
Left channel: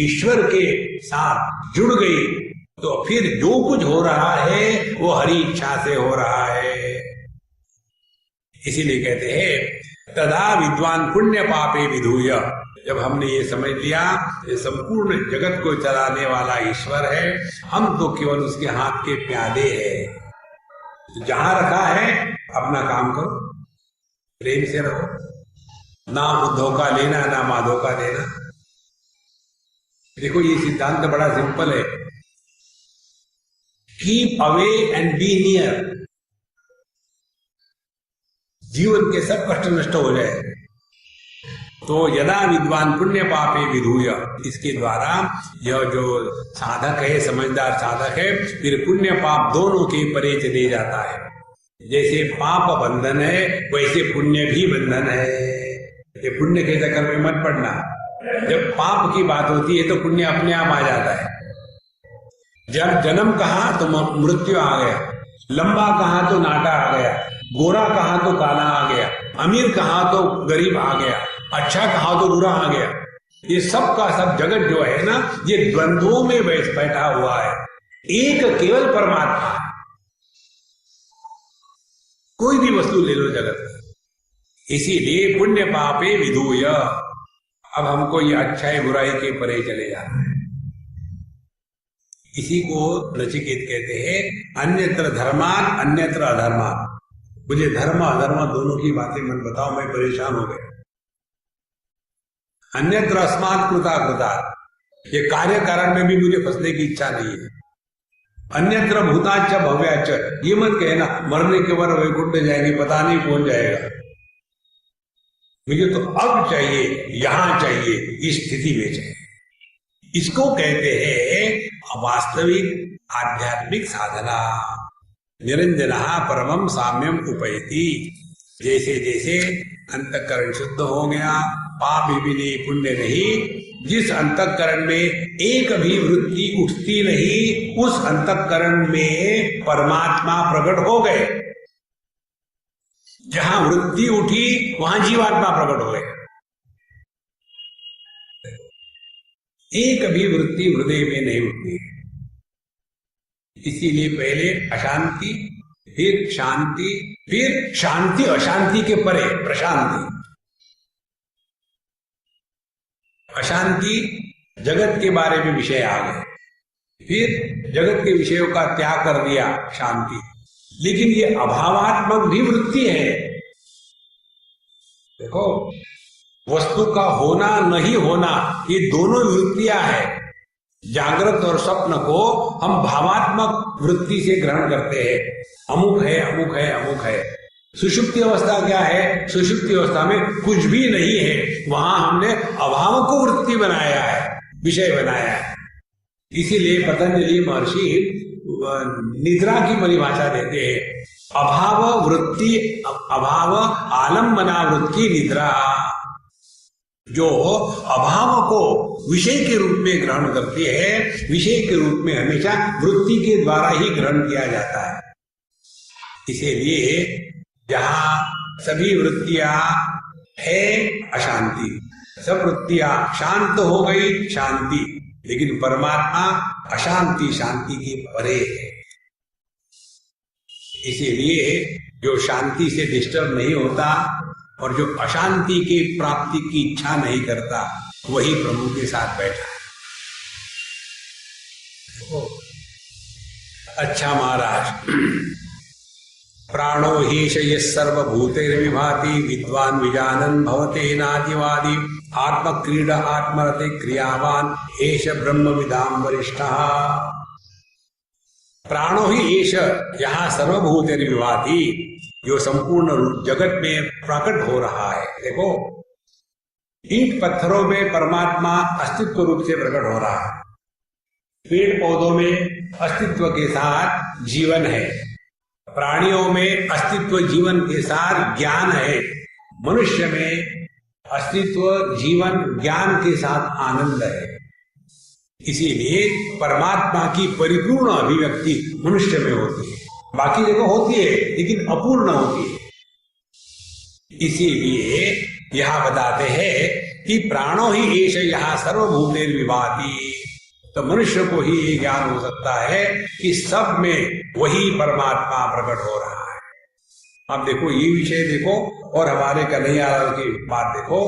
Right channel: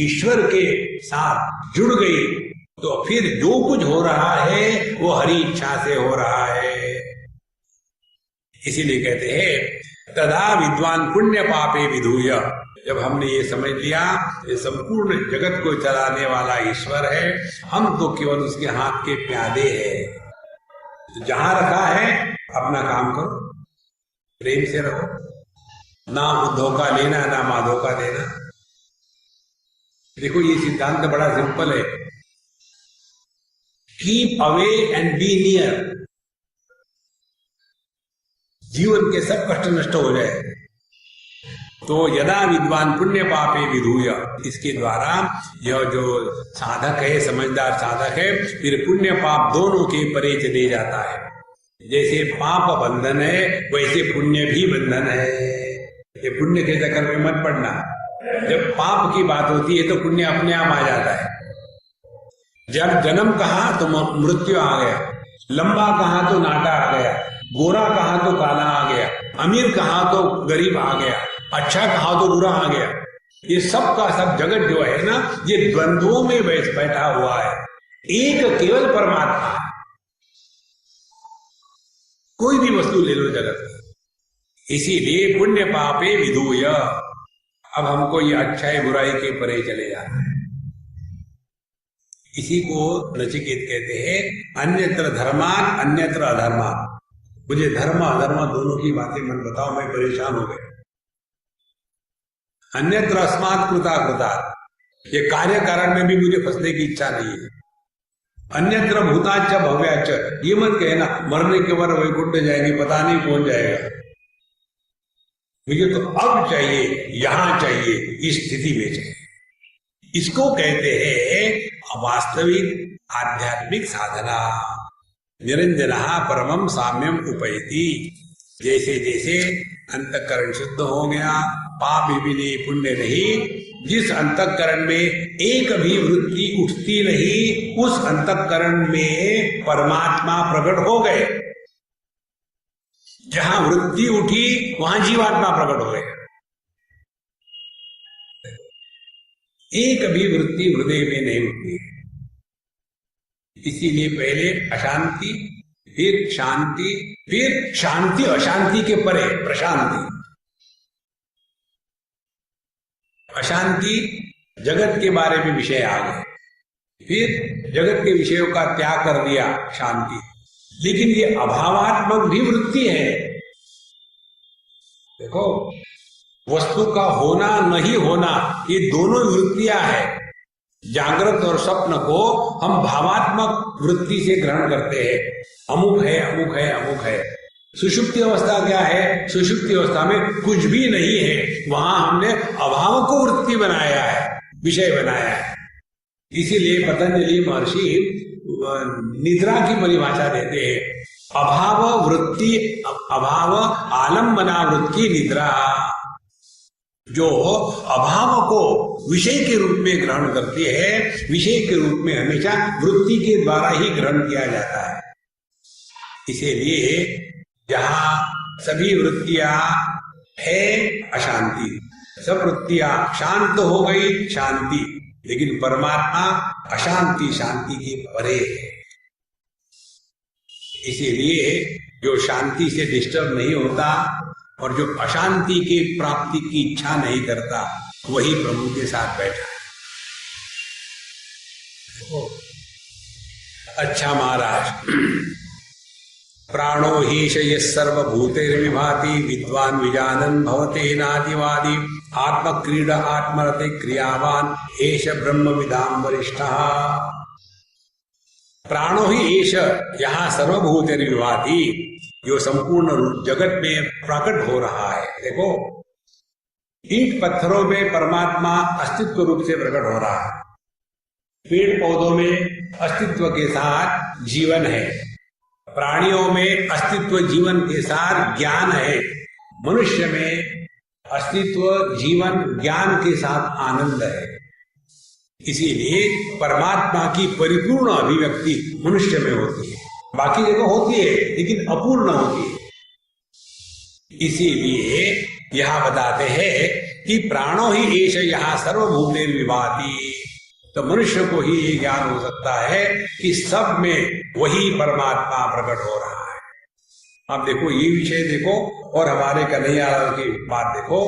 ईश्वर के साथ जुड़ गई तो फिर जो कुछ हो रहा है वो हरि इच्छा से हो रहा है। इसीलिए कहते हैं तदा विद्वान पुण्य पापे विधूय। जब हमने ये समझ लिया ये संपूर्ण जगत को चलाने वाला ईश्वर है, हम तो केवल उसके हाथ के प्यादे हैं। जहां रखा है अपना काम करो, प्रेम से रहो, ना धोखा लेना ना मां धोखा देना। देखो ये सिद्धांत बड़ा सिंपल है, keep away and be near. जीवन के सब कष्ट नष्ट हो जाए। तो यदा विद्वान पुण्य पापे विधूय, इसके द्वारा यह जो साधक है, समझदार साधक है, फिर पुण्य पाप दोनों के परे चले जाता है। जैसे पाप बंधन है वैसे पुण्य भी बंधन है। ये पुण्य के चक्कर में मत पड़ना। जब पाप की बात होती है तो पुण्य अपने आप आ जाता है। जब जन्म कहा तो मृत्यु आ गया, लंबा कहा तो नाटा आ गया, गोरा कहा तो काला आ गया, अमीर कहा तो गरीब आ गया, अच्छा कहा तो बुरा आ गया। ये सब का सब जगत जो है ना, ये द्वंद्वों में बैठा हुआ है। एक केवल परमात्मा है। कोई भी वस्तु ले लो जगत में। इसीलिए पुण्य पापे विधूय। अब हमको ये अच्छाई बुराई के परे चले जाना है। इसी को नचिकेत कहते हैं अन्यत्र धर्मात् अन्यत्र अधर्मात्। मुझे धर्म अधर्म दोनों की बातें मत बताओ, मैं परेशान हो गया। अन्यत्र अस्मात् कृता कृतात्, ये कार्य कारण में भी मुझे फंसने की इच्छा नहीं है। अन्यत्र भूताच्च भव्याच्च, ये मत कहना मरने के बाद वैकुंठ जाएंगे, पता नहीं पहुंच जाएगा। मुझे तो अब चाहिए, यहां चाहिए, इस स्थिति में चाहिए। इसको कहते हैं वास्तविक आध्यात्मिक साधना। निरंजनः परमं साम्यम उपैति। जैसे जैसे अंतःकरण शुद्ध हो गया, पाप भी नहीं पुण्य नहीं, जिस अंतःकरण में एक भी वृत्ति उठती नहीं, उस अंतःकरण में परमात्मा प्रकट हो गए। जहां वृत्ति उठी वहां जीवात्मा प्रकट हो गए। एक भी वृत्ति हृदय में नहीं उठती। इसीलिए पहले अशांति, फिर शांति, फिर शांति अशांति के परे प्रशांति। अशांति जगत के बारे में विषय आ गए, फिर जगत के विषयों का त्याग कर दिया शांति। लेकिन ये अभावात्मक भी वृत्ति है। देखो वस्तु का होना नहीं होना ये दोनों वृत्तियां हैं। जागृत और स्वप्न को हम भावात्मक वृत्ति से ग्रहण करते हैं। अमुक है अमुक है अमुक है, सुषुप्ति अवस्था क्या है? सुषुप्ति अवस्था में कुछ भी नहीं है, वहां हमने अभाव को वृत्ति बनाया है, विषय बनाया है। इसीलिए पतंजलि महर्षि निद्रा की परिभाषा देते हैं, अभाव वृत्ति, अभाव आलम्बना वृत्ति निद्रा। जो अभाव को विषय के रूप में ग्रहण करती है, विषय के रूप में हमेशा वृत्ति के द्वारा ही ग्रहण किया जाता है। इसीलिए जहां सभी वृत्तियां है अशांति, सब वृत्तियां शांत हो गई शांति, लेकिन परमात्मा अशांति शांति के परे है। इसीलिए जो शांति से डिस्टर्ब नहीं होता और जो अशांति के प्राप्ति की इच्छा नहीं करता, वही प्रभु के साथ बैठा है। अच्छा महाराज, प्राणो हीश ये सर्वभूतेर्विभाति विद्वान विजानन भवते नादिवादी आत्मक्रीडा आत्मरते क्रियावान एष ब्रह्म विदाम वरिष्ठः। प्राणो ही एष, यहाँ सर्वभूतेर्विभाति, जो संपूर्ण जगत में प्रकट हो रहा है। देखो, ईंट पत्थरों में परमात्मा अस्तित्व रूप से प्रकट हो रहा है, पेड़ पौधों में अस्तित्व के साथ जीवन है, प्राणियों में अस्तित्व जीवन के साथ ज्ञान है, मनुष्य में अस्तित्व जीवन ज्ञान के साथ आनंद है। इसीलिए परमात्मा की परिपूर्ण अभिव्यक्ति मनुष्य में होती है, बाकी जगह होती है लेकिन अपूर्ण होती है। इसीलिए यहां बताते हैं कि प्राणो ही एष यहां सर्वभूतेर्विभाति, तो मनुष्य को ही ये ज्ञान हो सकता है कि सब में वही परमात्मा प्रकट हो रहा है। अब देखो ये विषय देखो, और हमारे कन्हैयालाल की बात देखो।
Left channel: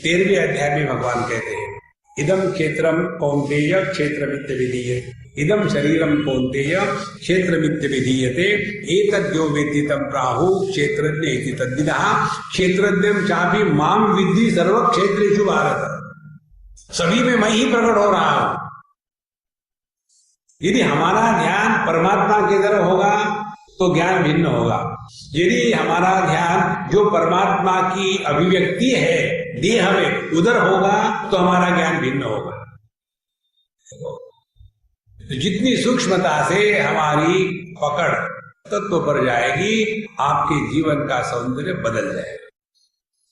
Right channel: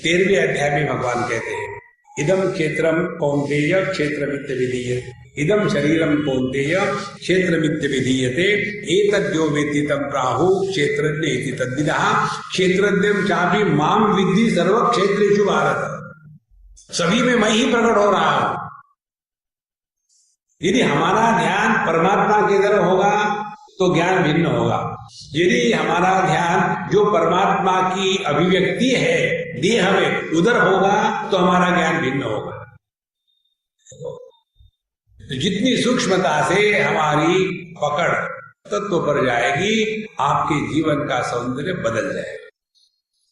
13वें अध्याय में भगवान कहते हैं, इदम क्षेत्रम कौन्तेय क्षेत्रमित्य विधीयते, इदम शरीरम कौन्तेय क्षेत्रमित्य विधीयते, एतद्यो वेत्ति तं प्राहु क्षेत्रज्ञ इति तद्विदः, क्षेत्रज्ञं चापि माम विद्धि सर्व क्षेत्रेषु भारत। सभी में मैं ही प्रकट हो रहा हूं। यदि हमारा ध्यान परमात्मा की तरफ होगा तो ज्ञान भिन्न होगा। यदि हमारा ध्यान जो परमात्मा की अभिव्यक्ति है देह में उधर होगा तो हमारा ज्ञान भिन्न होगा। तो जितनी सूक्ष्मता से हमारी पकड़ तत्व पर जाएगी, आपके जीवन का सौंदर्य बदल जाएगा।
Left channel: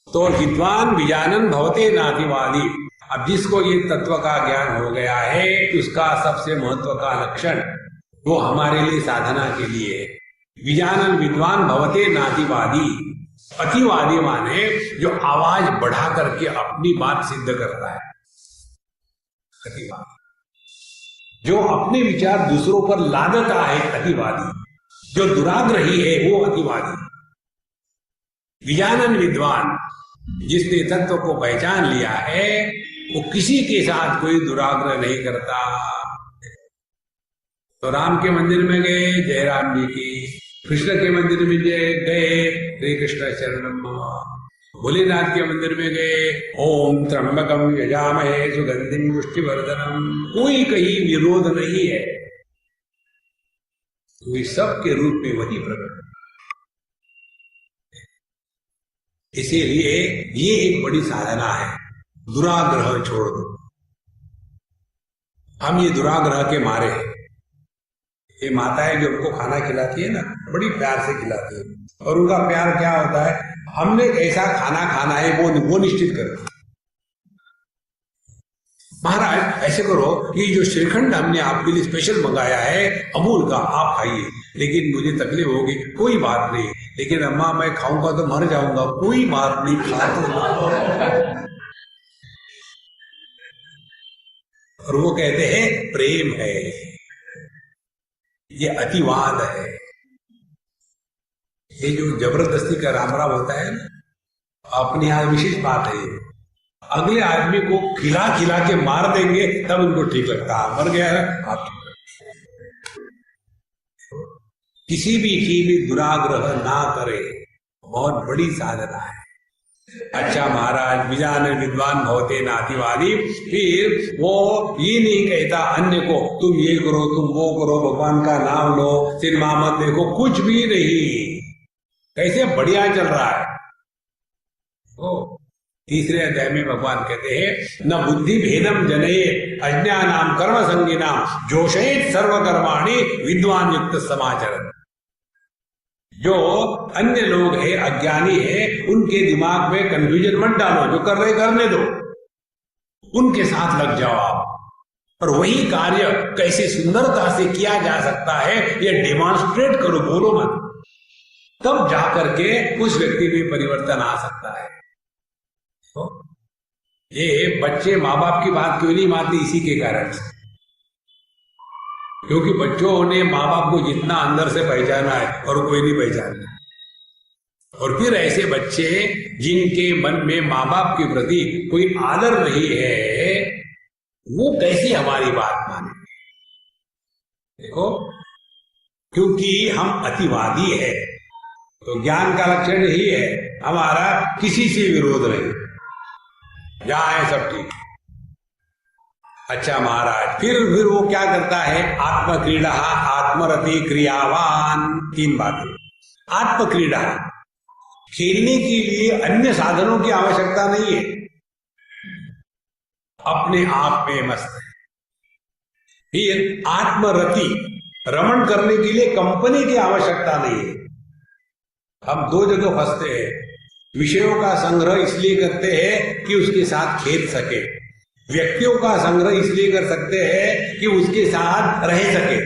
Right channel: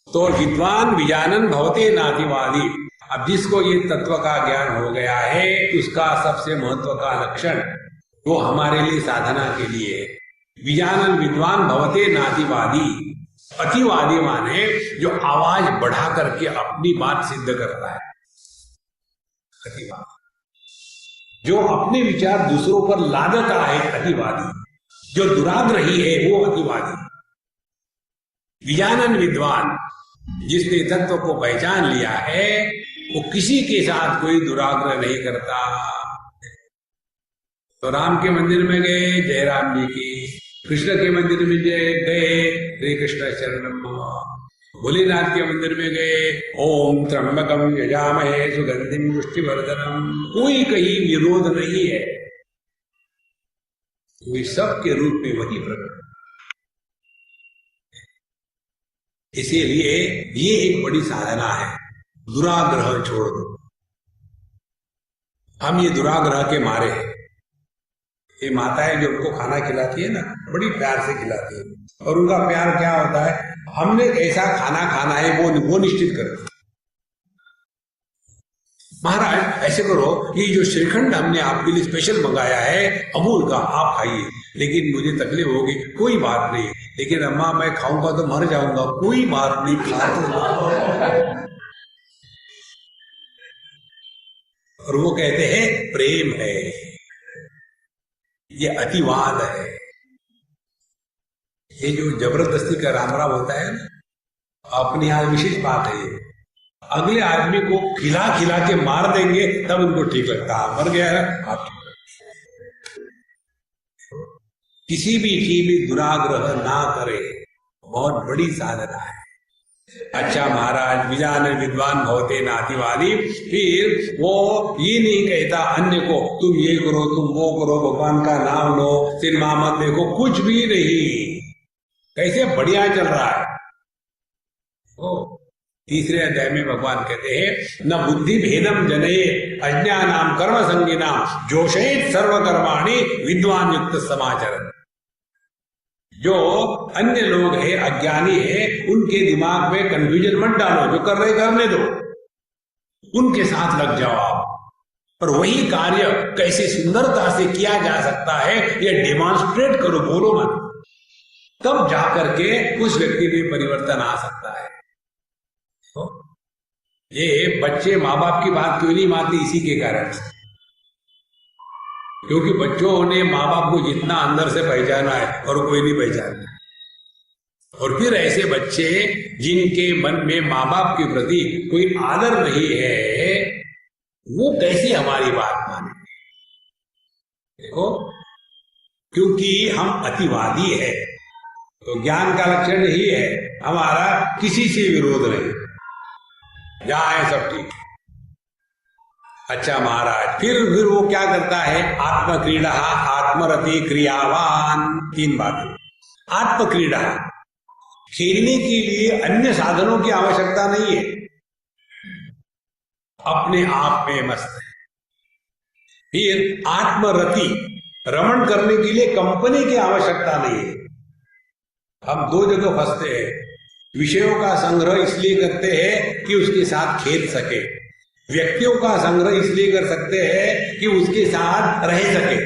तो विद्वान विजानन भवते नातिवादी। अब जिसको ये तत्व का ज्ञान हो गया है, उसका सबसे महत्व का लक्षण वो हमारे लिए साधना के लिए है। विजानन विद्वान भवते नातिवादी। अतिवादी माने जो आवाज बढ़ा करके अपनी बात सिद्ध करता है, अतिवादी। जो अपने विचार दूसरों पर लादता है, अतिवादी। जो दुराग्रही है वो अतिवादी। विजानन विद्वान, जिसने तत्व को पहचान लिया है, वो किसी के साथ कोई दुराग्रह नहीं करता। तो राम के मंदिर में गए, जय राम जी की। कृष्ण के मंदिर में गए, हरे कृष्ण शरणम मम। भोलेनाथ के मंदिर में गए, ओम त्र्यंबकम यजामहे सुगंधिम पुष्टिवर्धनम। कोई कहीं विरोध नहीं है, वे सबके रूप में वही प्रकट। इसीलिए ये एक बड़ी साधना है, दुराग्रह छोड़ दो। हम ये दुराग्रह के मारे हैं। ये माताएं जो उनको खाना खिलाती है ना, बड़ी प्यार से खिलाती है, और उनका प्यार क्या होता है, हमने ऐसा खाना खाना है वो निश्चित करती है। महाराज ऐसे करो, ये जो श्रीखंड हमने आपके लिए स्पेशल मंगाया है अमूल का, आप खाइए, लेकिन मुझे तकलीफ होगी। कोई बात नहीं, लेकिन अम्मा मैं खाऊंगा तो मर जाऊंगा। कोई बात नहीं, खाते। और वो कहते हैं प्रेम है, ये अतिवाद है। ये जो जबरदस्ती का राम राम होता है ना, अपने यहाँ विशेष बात है ये। अगले आदमी को खिला खिला के मार देंगे तब उनको ठीक लगता है। मर गया है आप ठीक लगता। किसी भी चीज में दुराग्रह ना करे, बहुत बड़ी साधना है। अच्छा महाराज, विजान विद्वान भवते नातिवादी, फिर वो ये नहीं कहता अन्य को तुम ये करो तुम वो करो, भगवान का नाम लो, सिनेमा मत देखो, कुछ भी नहीं। कैसे बढ़िया चल रहा है। ओ तीसरे अध्याय में भगवान कहते हैं न बुद्धि भेदम जने अज्ञानाम कर्म संगिनाम जोशयेत सर्वकर्माणि विद्वान युक्त समाचरण। जो अन्य लोग हैं, अज्ञानी है, उनके दिमाग में कंफ्यूजन मत डालो, जो कर रहे करने दो, उनके साथ लग जाओ आप। और वही कार्य कैसे सुंदरता से किया जा सकता है ये डेमोन्स्ट्रेट करो, बोलो मत, तब जाकर के उस व्यक्ति में परिवर्तन आ सकता है। तो ये बच्चे माँ बाप की बात क्यों नहीं मानते? इसी के कारण से, क्योंकि बच्चों ने माँ बाप को जितना अंदर से पहचाना है और कोई नहीं पहचाना। और फिर ऐसे बच्चे जिनके मन में माँ बाप के प्रति कोई आदर नहीं है, वो कैसे हमारी बात माने? देखो, क्योंकि हम अतिवादी है, तो ज्ञान का लक्षण यही है, हमारा किसी से विरोध नहीं, जहां है सब ठीक। अच्छा महाराज, फिर वो क्या करता है? आत्मक्रीड़ा, आत्मरति, क्रियावान, तीन बातें। आत्मक्रीड़ा, खेलने के लिए अन्य साधनों की आवश्यकता नहीं है, अपने आप में मस्त है। फिर आत्मरति, रमण करने के लिए कंपनी की आवश्यकता नहीं है। हम दो जगह फंसते हैं, विषयों का संग्रह इसलिए करते हैं कि उसके साथ खेल सके, व्यक्तियों का संग्रह इसलिए कर सकते हैं कि उसके साथ रह सके।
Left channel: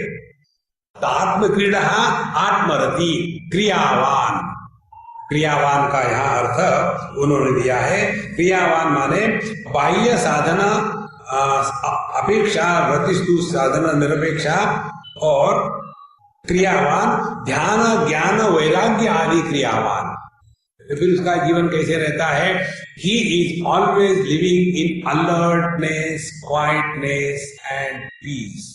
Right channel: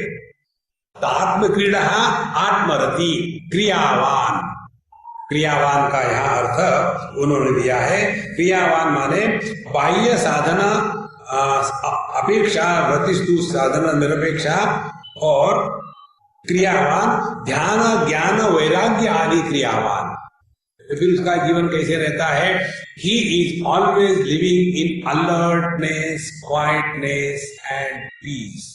तो आत्मक्रीड़ा, आत्मरति, क्रियावान। क्रियावान का यहां अर्थ उन्होंने दिया है, क्रियावान माने बाह्य साधना अपेक्षा रतिस्तु साधना निरपेक्षा, और क्रियावान ध्यान ज्ञान वैराग्य आदि क्रियावान। फिर उसका जीवन कैसे रहता है? He is always living in alertness, quietness and peace.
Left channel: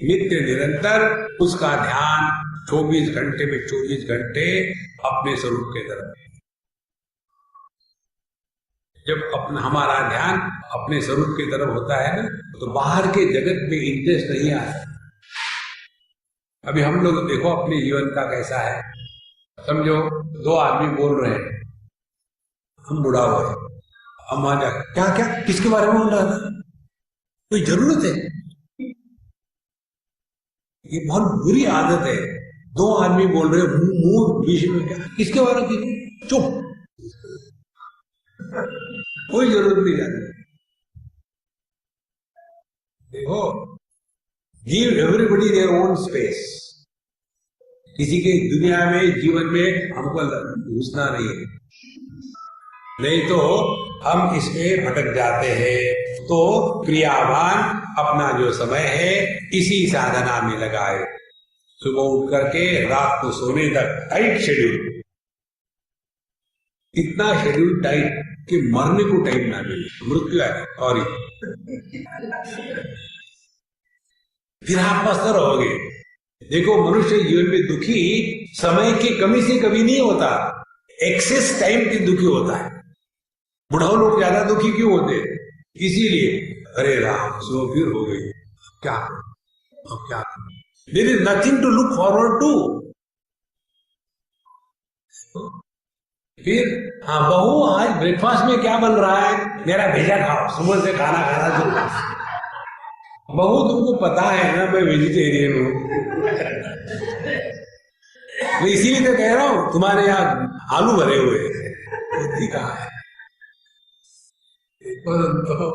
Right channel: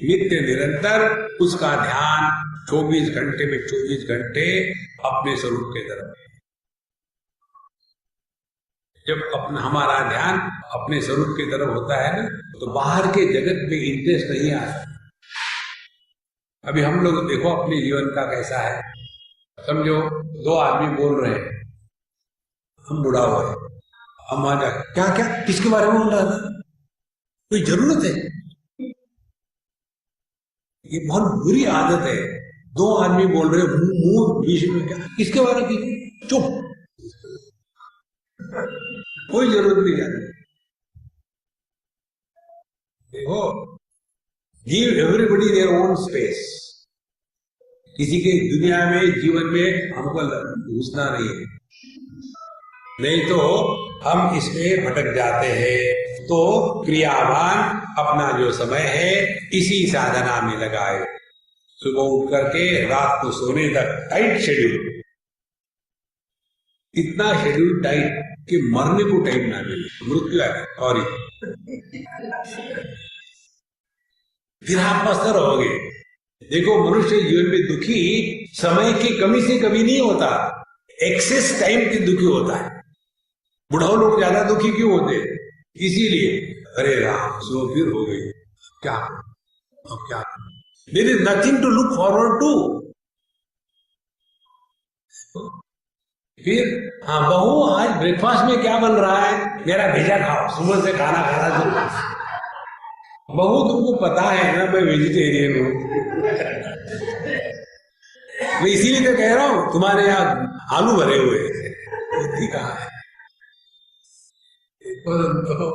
नित्य निरंतर उसका ध्यान 24 घंटे में 24 घंटे अपने स्वरूप के तरफ। जब हमारा ध्यान अपने स्वरूप की तरफ होता है ना, तो बाहर के जगत में इंटरेस्ट नहीं आता। अभी हम लोग देखो अपने जीवन का कैसा है, समझो दो आदमी बोल रहे हैं, हम बुढ़ा हुए, हम आ जा क्या क्या किसके बारे में बोल रहा था, कोई जरूरत है? ये बहुत बुरी आदत है। दो आदमी बोल रहे, मुंह बीच में, क्या किसके बारे में? चुप, कोई जरूरत नहीं जाती। देखो, give everybody their own space. किसी के दुनिया में जीवन में हमको घुसना नहीं है, नहीं तो हम इसमें भटक जाते हैं। तो क्रियावान अपना जो समय है इसी साधना में लगाए, सुबह उठ करके रात को सोने तक टाइट शेड्यूल, इतना शेड्यूल टाइट कि मरने को टाइम ना मिले, मृत्यु है और फिर आप मस्त रहोगे। देखो, मनुष्य जीवन में दुखी समय की कमी से कभी नहीं होता, एक्सेस टाइम के दुखी होता है। बुढ़ाओ लोग ज्यादा दुखी क्यों होते? इसीलिए, अरे राम सो फिर हो गई, क्या अब क्या, there is nothing to look forward to. फिर हाँ, बहू आज ब्रेकफास्ट में क्या बन रहा है? मेरा भेजा खाओ, सुबह से खाना खाना शुरू। बहू तुमको पता है ना मैं वेजिटेरियन हूं, मैं इसीलिए तो कह रहा हूं तुम्हारे यहाँ आलू भरे हुए बुद्धि कहाँ है? तो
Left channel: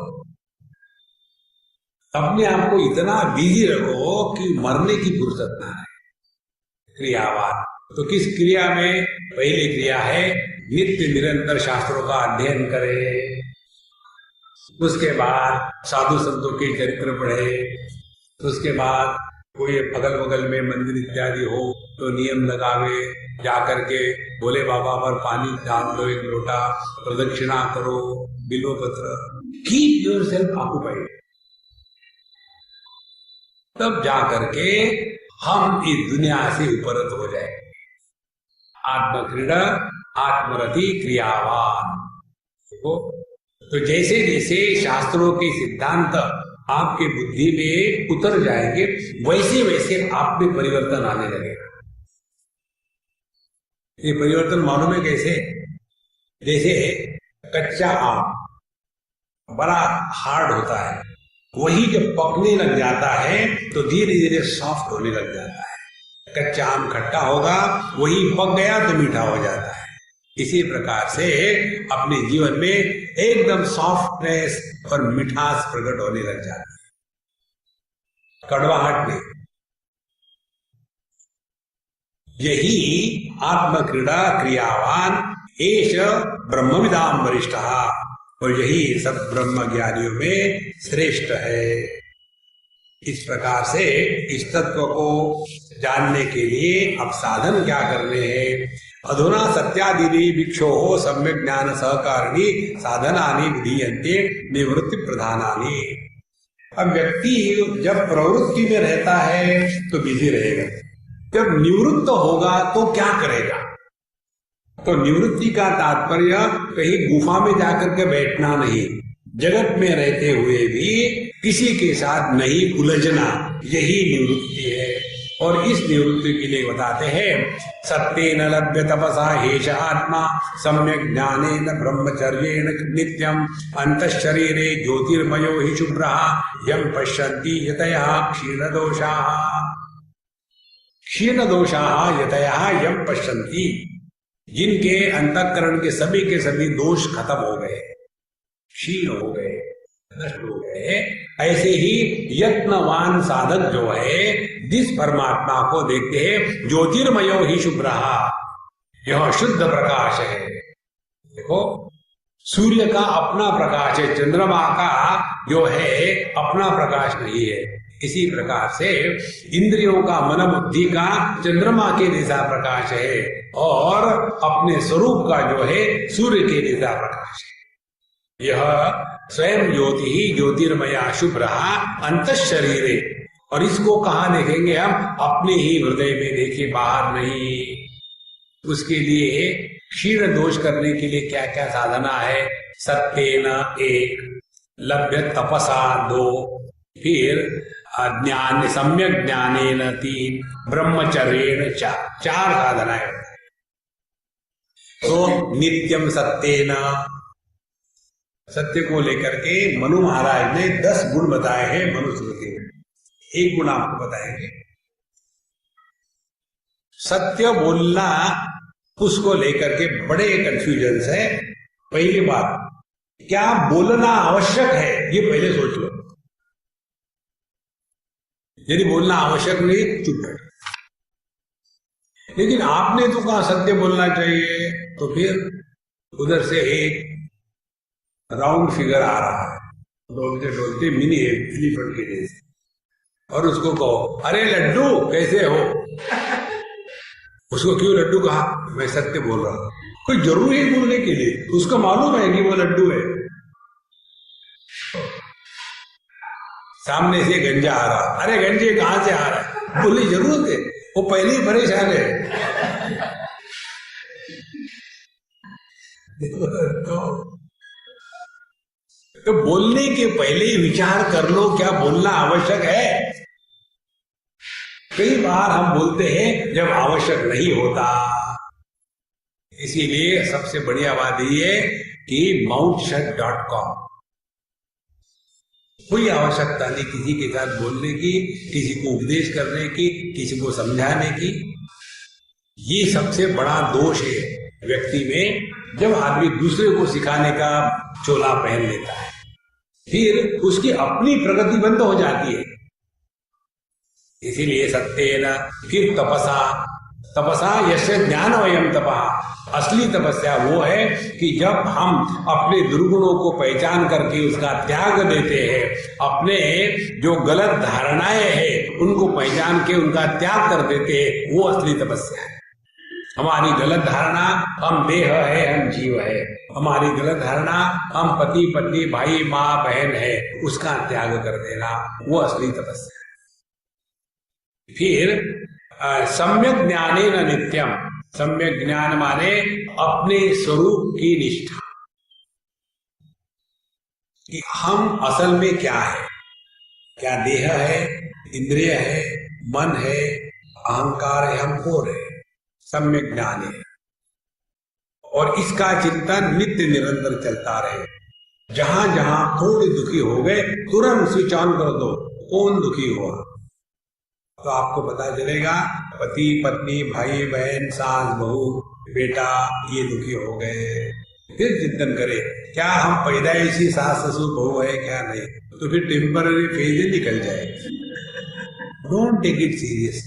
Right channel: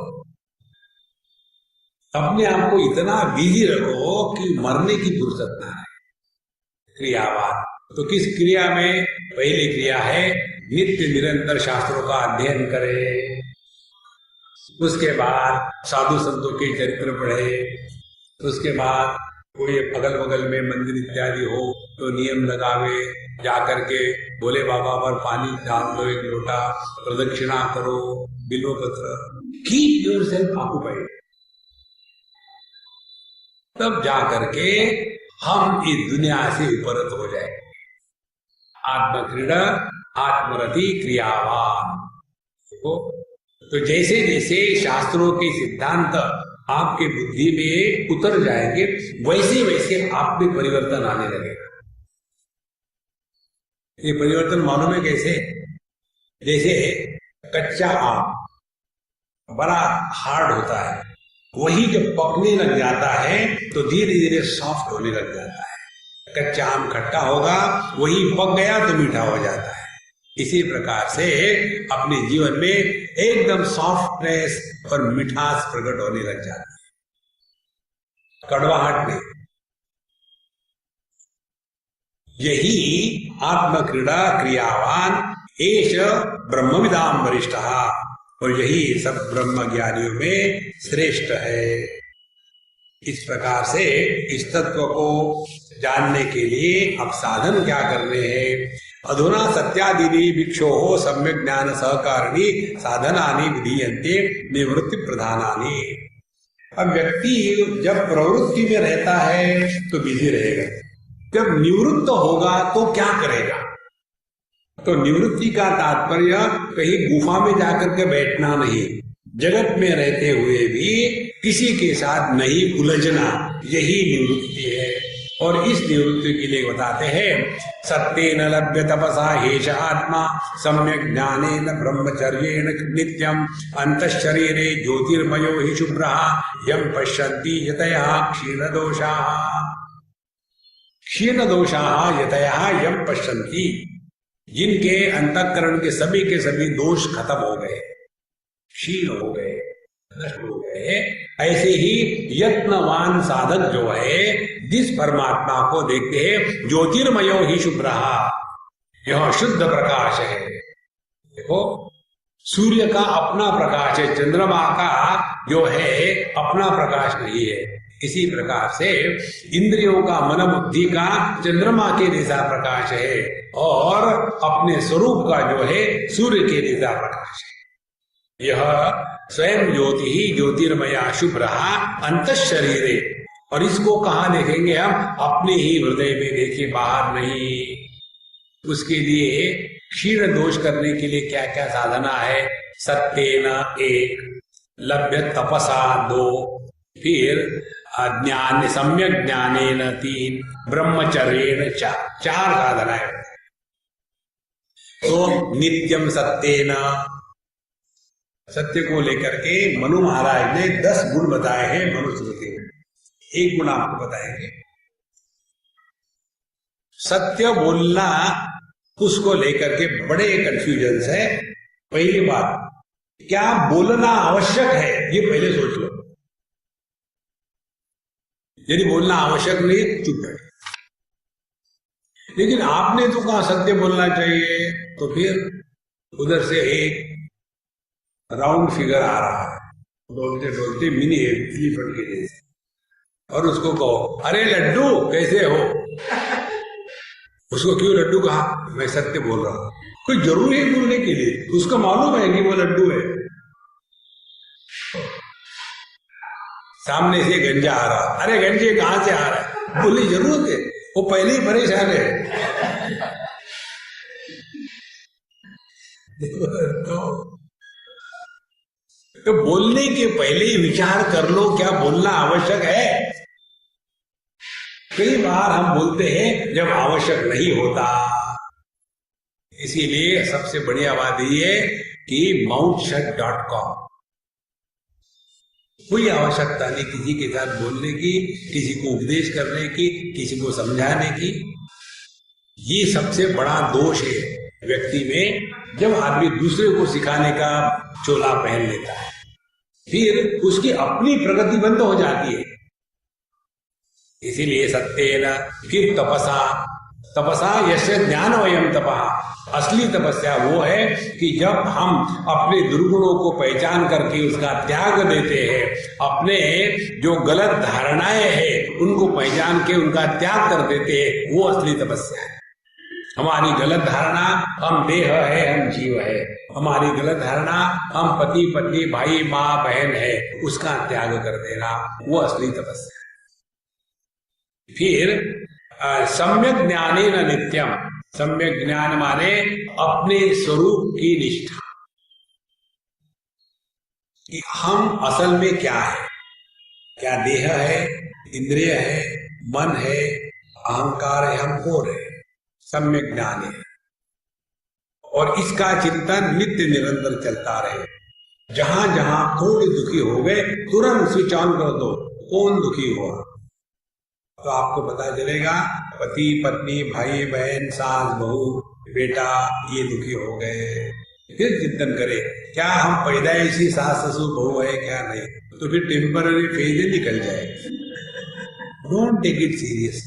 अपने आप को इतना बिजी रखो कि मरने की फुर्सत ना है। क्रियावान, तो किस क्रिया में? पहली क्रिया है नित्य निरंतर शास्त्रों का अध्ययन करे, उसके बाद साधु संतों के चरित्र पढ़े, उसके बाद कोई अगल बगल में मंदिर इत्यादि हो तो नियम लगावे, जाकर के भोले बाबा पर पानी डाल दो, एक लोटा प्रदक्षिणा करो, बिल्व पत्र, कीप योरसेल्फ ऑक्युपाइड। तब जाकर के हम इस दुनिया से उपरत हो जाए। आत्मक्रीड़ा आत्मरति क्रियावान। देखो, तो जैसे जैसे शास्त्रों के सिद्धांत आपके बुद्धि में उतर जाएंगे, वैसे वैसे आप में परिवर्तन आने लगेगा। ये परिवर्तन मालूम है कैसे? जैसे कच्चा आम बड़ा हार्ड होता है, वही जब पकने लग जाता है तो धीरे धीरे सॉफ्ट होने लग जाता है। कच्चा आम खट्टा होगा, वही पक गया तो मीठा हो जाता है। इसी प्रकार से अपने जीवन में एकदम सॉफ्टनेस और मिठास प्रकट होने लग जाती है, कड़वाहट नहीं। यही आत्मक्रीड़ा क्रियावान एष ब्रह्मविदाम वरिष्ठः, और यही सब ब्रह्म ज्ञानियों में श्रेष्ठ है। इस प्रकार से इस तत्व को जानने के लिए अब साधन क्या करने हैं? अधुना सत्यादीनि भिक्षोः सम्यक् ज्ञान सहकारिणी साधनानि विधीयन्ते निवृत्ति प्रधानानि। अब व्यक्ति जब प्रवृत्ति में रहता है तो बिजी रहेगा, जब निवृत्त होगा तो क्या करेगा? तो निवृत्ति का तात्पर्य कहीं गुफा में जाकर के बैठना नहीं, जगत में रहते हुए भी किसी के साथ नहीं उलझना, यही निवृत्ति है। और इस निवृत्ति के लिए बताते हैं, सत्येन लभ्य तपसा हेष आत्मा सम्यक् ज्ञानेन ब्रह्मचर्येण नित्यम अंतःशरीरे ज्योतिर्मयो हि शुभ्रः यं पश्यन्ति यतयः क्षीणदोषाः यतयः यं पश्यन्ति। जिनके अंतःकरण के सभी दोष खत्म हो गए, क्षीण हो गए, नष्ट हो गए, ऐसे ही यत्नवान साधक जो है जिस परमात्मा को देखते हैं, ज्योतिर्मयो ही शुभ्रः, यह शुद्ध प्रकाश है। देखो, सूर्य का अपना प्रकाश है, चंद्रमा का जो है अपना प्रकाश नहीं है। इसी प्रकार से इंद्रियों का, मन बुद्धि का चंद्रमा के जैसा प्रकाश है, और अपने स्वरूप का जो है सूर्य के जैसा प्रकाश है। यह स्वयं ज्योति ही ज्योतिर्मया शुभ्रः अंतःशरीरे। और इसको कहाँ देखेंगे हम? अपने ही हृदय में देखे, बाहर नहीं। उसके लिए क्षीण दोष करने के लिए क्या क्या साधना है? सत्येन 1, लभ्य तपसा 2, फिर ज्ञान सम्यक ज्ञानेन 3, ब्रह्मचर्येण 4 साधनाएं। तो नित्यम सत्येन, सत्य को लेकर के मनु महाराज ने 10 गुण बताए हैं मनुस्मृति में। एक गुण आपको बताएंगे। सत्य बोलना, उसको लेकर के बड़े कंफ्यूजन है। पहली बात, क्या बोलना आवश्यक है, ये पहले सोच लो। यदि बोलना आवश्यक नहीं, चुप बैठो। लेकिन आपने तो कहा सत्य बोलना चाहिए, तो फिर उधर से एक राउंड फिगर आ रहा है, डोलते डोलते मिनी एलिफेंट के जैसे, और उसको कहो, अरे लड्डू कैसे हो? उसको क्यों लड्डू कहा? मैं सत्य बोल रहा हूं। कोई जरूरी है बोलने के लिए? उसको मालूम है कि वो लड्डू है। सामने से गंजा आ रहा, अरे गंजे कहां से आ रहा है? बोलने जरूरत है? वो पहले ही परेशान है। तो बोलने के पहले ही विचार कर लो, क्या बोलना आवश्यक है? कई बार हम बोलते हैं जब आवश्यक नहीं होता। इसीलिए सबसे बढ़िया बात ये है कि mouthshut.com, कोई आवश्यकता नहीं किसी के साथ बोलने की, किसी को उपदेश करने की, किसी को समझाने की। ये सबसे बड़ा दोष है व्यक्ति में, जब आदमी दूसरे को सिखाने का चोला पहन लेता है, फिर उसकी अपनी प्रगति बंद हो जाती है। इसीलिए सत्येन, फिर तपसा यस्य ज्ञान वयम तपः। असली तपस्या वो है कि जब हम अपने दुर्गुणों को पहचान करके उसका त्याग देते हैं, अपने जो गलत धारणाएं हैं उनको पहचान के उनका त्याग कर देते हैं, वो असली तपस्या है। हमारी गलत धारणा हम देह है, हम जीव है, हमारी गलत धारणा हम पति पत्नी भाई माँ बहन है, उसका त्याग कर देना, वो असली तपस्या है। फिर सम्यक ज्ञानेन नित्यम, सम्यक ज्ञान माने अपने स्वरूप की निष्ठा कि हम असल में क्या है, क्या देह है, इंद्रिय है, मन है, अहंकार है, हम कौन है, सम्यक ज्ञान है। और इसका चिंतन नित्य निरंतर चलता रहे। जहां जहां थोड़े दुखी हो गए तुरंत स्विच ऑन कर दो, कौन दुखी हुआ, तो आपको पता चलेगा पति पत्नी भाई बहन सास बहू बेटा ये दुखी हो गए। फिर चिंतन करें क्या हम पैदाइशी सास ससुर बहू है क्या नहीं, तो फिर टेम्पररी फेज निकल जाएगी। Don't take it serious.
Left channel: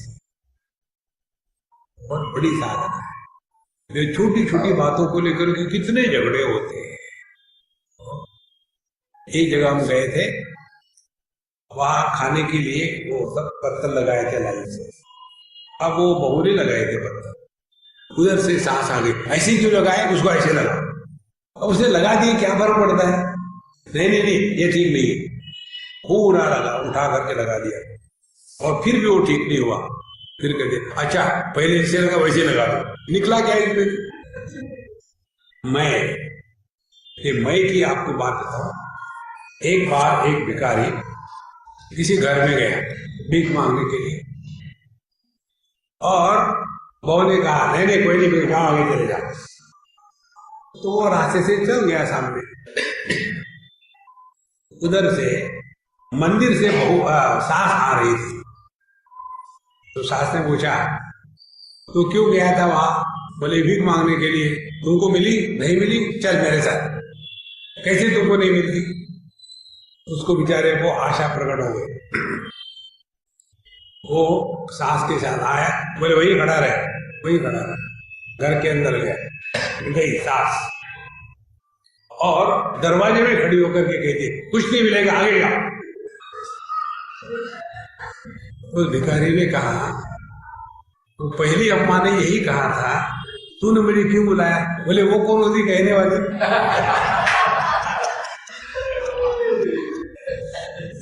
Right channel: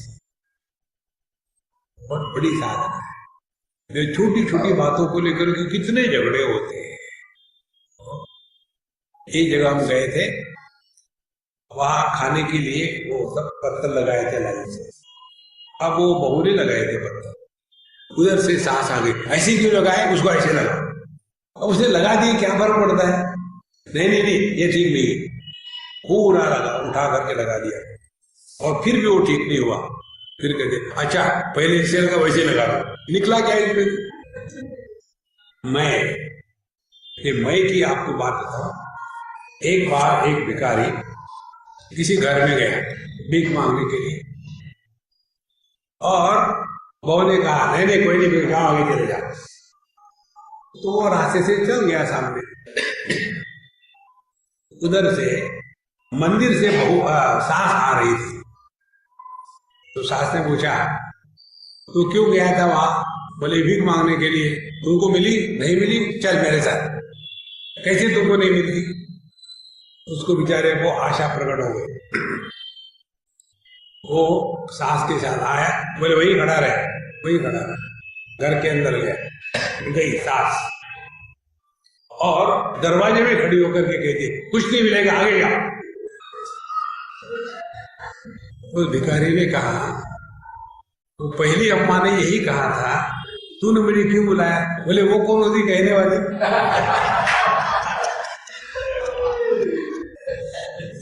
बहुत बड़ी साधना है। छोटी छोटी बातों को लेकर के कितने झगड़े होते हैं। एक जगह हम गए थे, वहां खाने के लिए वो सब पत्थर लगाए थे लाइन से। अब वो बहू ने लगाए थे पत्थर, उधर से सास आ गई, ऐसे क्यों लगाए, उसको ऐसे लगा। अब उसने लगा दिए, क्या फर्क पड़ता है, नहीं नहीं नहीं ये ठीक नहीं, पूरा लगा उठा करके लगा दिया। और फिर भी वो ठीक नहीं हुआ। फिर कहते अच्छा पहले ऐसे लगा वैसे लगा दो। निकला क्या इसमें, मैं की आपको बात बताऊं। एक बार एक भिखारी किसी घर में गया भीख मांगने के लिए, और बहू ने कहा नहीं नहीं कोई नहीं जाओ आगे चले जाओ। तो वो रास्ते से चल गया सामने। उधर से मंदिर से सास आ रही थी। तो सास ने पूछा तो क्यों गया था वहां, बोले भीख मांगने के लिए। तुमको मिली, नहीं मिली, चल मेरे साथ। कैसे तुमको नहीं मिलती, उसको बेचारे को आशा प्रकट हो गई। वो सास के साथ आया, बोले वही खड़ा रहे, वही खड़ा रहे। घर के अंदर गया, गई सास और दरवाजे में खड़ी होकर के कहती कुछ नहीं मिलेगा आगे जाओ। उस भिखारी ने कहा तो पहली अम्मा ने यही कहा था, तूने मुझे क्यों बुलाया। बोले वो कौन होती कहने वाली।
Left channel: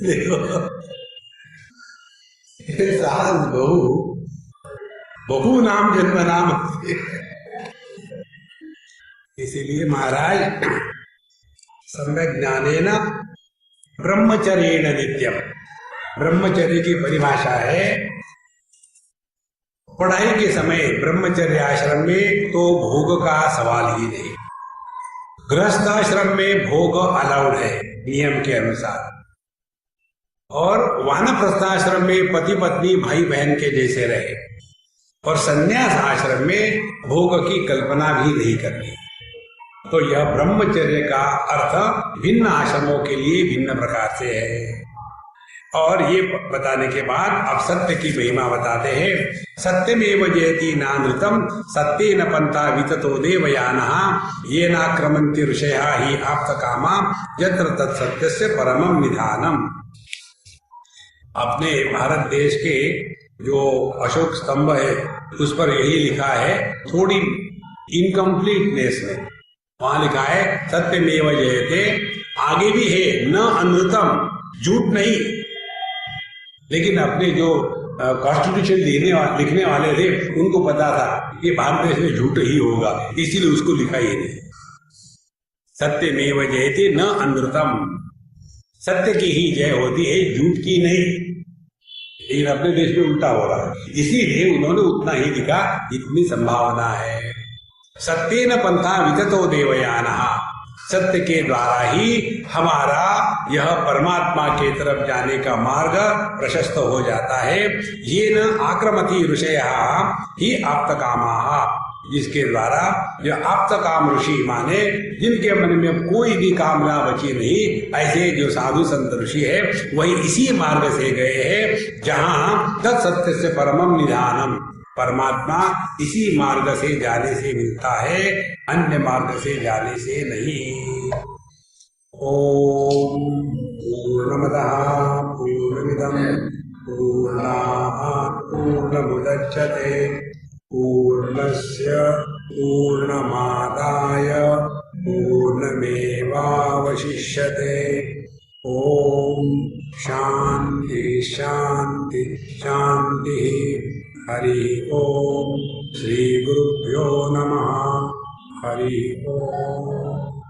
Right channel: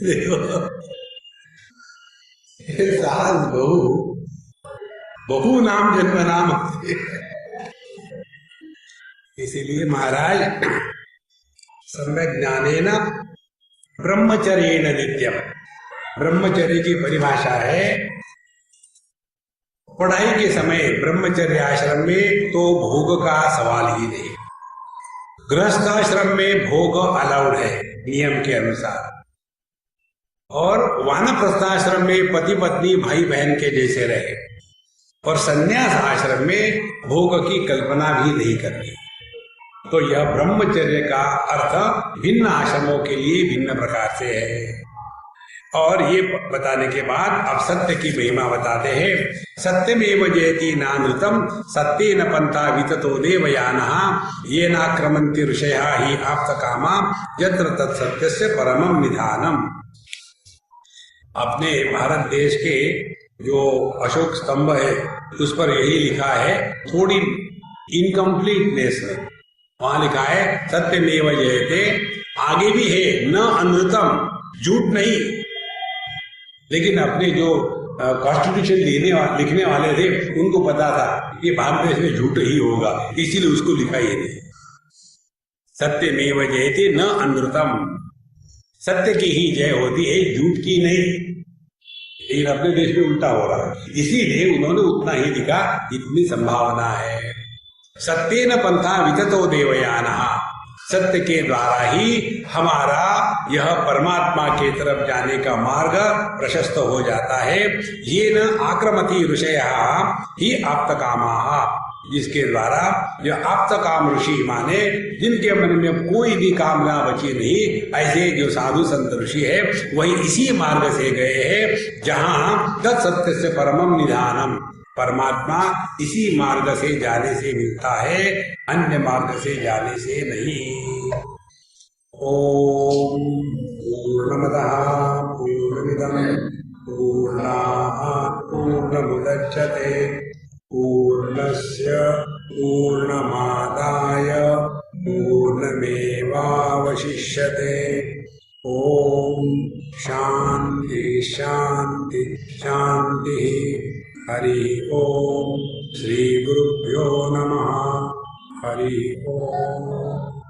देखो सास बहू नाम जन्म नाम। इसीलिए महाराज सम्यक ज्ञानेन ब्रह्मचर्येण नित्यम। ब्रह्मचर्य की परिभाषा है पढ़ाई के समय ब्रह्मचर्य आश्रम में तो भोग का सवाल ही नहीं। गृहस्थ आश्रम में भोग अलाउड है नियम के अनुसार, और वानप्रस्थाश्रम में पति पत्नी भाई बहन के जैसे रहे, और संन्यास आश्रम में भोग की कल्पना भी नहीं करनी। तो यह ब्रह्मचर्य का अर्थ भिन्न आश्रमों के लिए भिन्न प्रकार से है। और ये बताने के बाद अब सत्य की महिमा बताते हैं। सत्यमेव जयति नानृतम सत्येन पंथा विततो देवयानः ये नाक्रमन्ति ऋषयः हि आप्तकामा यत्र तत्सत्यस्य परमं निधानम। अपने भारत देश के जो अशोक स्तंभ है उस पर यही लिखा है, थोड़ी इनकम्प्लीटनेस में वहां लिखा है सत्यमेव जयते। आगे भी है न अनृतम, झूठ नहीं। लेकिन अपने जो कॉन्स्टिट्यूशन लिखने वाले थे उनको पता था ये भारत देश में झूठ ही होगा, इसीलिए उसको लिखा ही नहीं। सत्यमेव जयते न अनृतम, सत्य की ही जय होती है, झूठ की नहीं। लेकिन अपने देश में उल्टा हो रहा है, इसीलिए उन्होंने उतना ही लिखा, इतनी संभावना है। सत्येन पंथा विततो देवयानः, सत्य के द्वारा ही हमारा यह परमात्मा के तरफ जाने का मार्ग प्रशस्त हो जाता है। ये न आक्रमति ऋषयः ही आप्तकामाः, जिसके द्वारा यह आप्तकाम ऋषि माने जिनके मन में कोई भी कामना बची नहीं, ऐसे जो साधु संत ऋषि है वही इसी मार्ग से गए हैं जहां तत्सत्य से परमम निधानम। परमात्मा इसी मार्ग से जाने से मिलता है, अन्य मार्ग से जाने से नहीं। ओम पूर्णमदः पूर्णमिदं पूर्णात् पूर्णमुदच्यते पूर्णस्य पूर्णमादाय पूर्णमेवावशिष्यते। ओम शांति शांति शांति। हरि ओम। श्री गुरुभ्यो नमः। हरि ओम।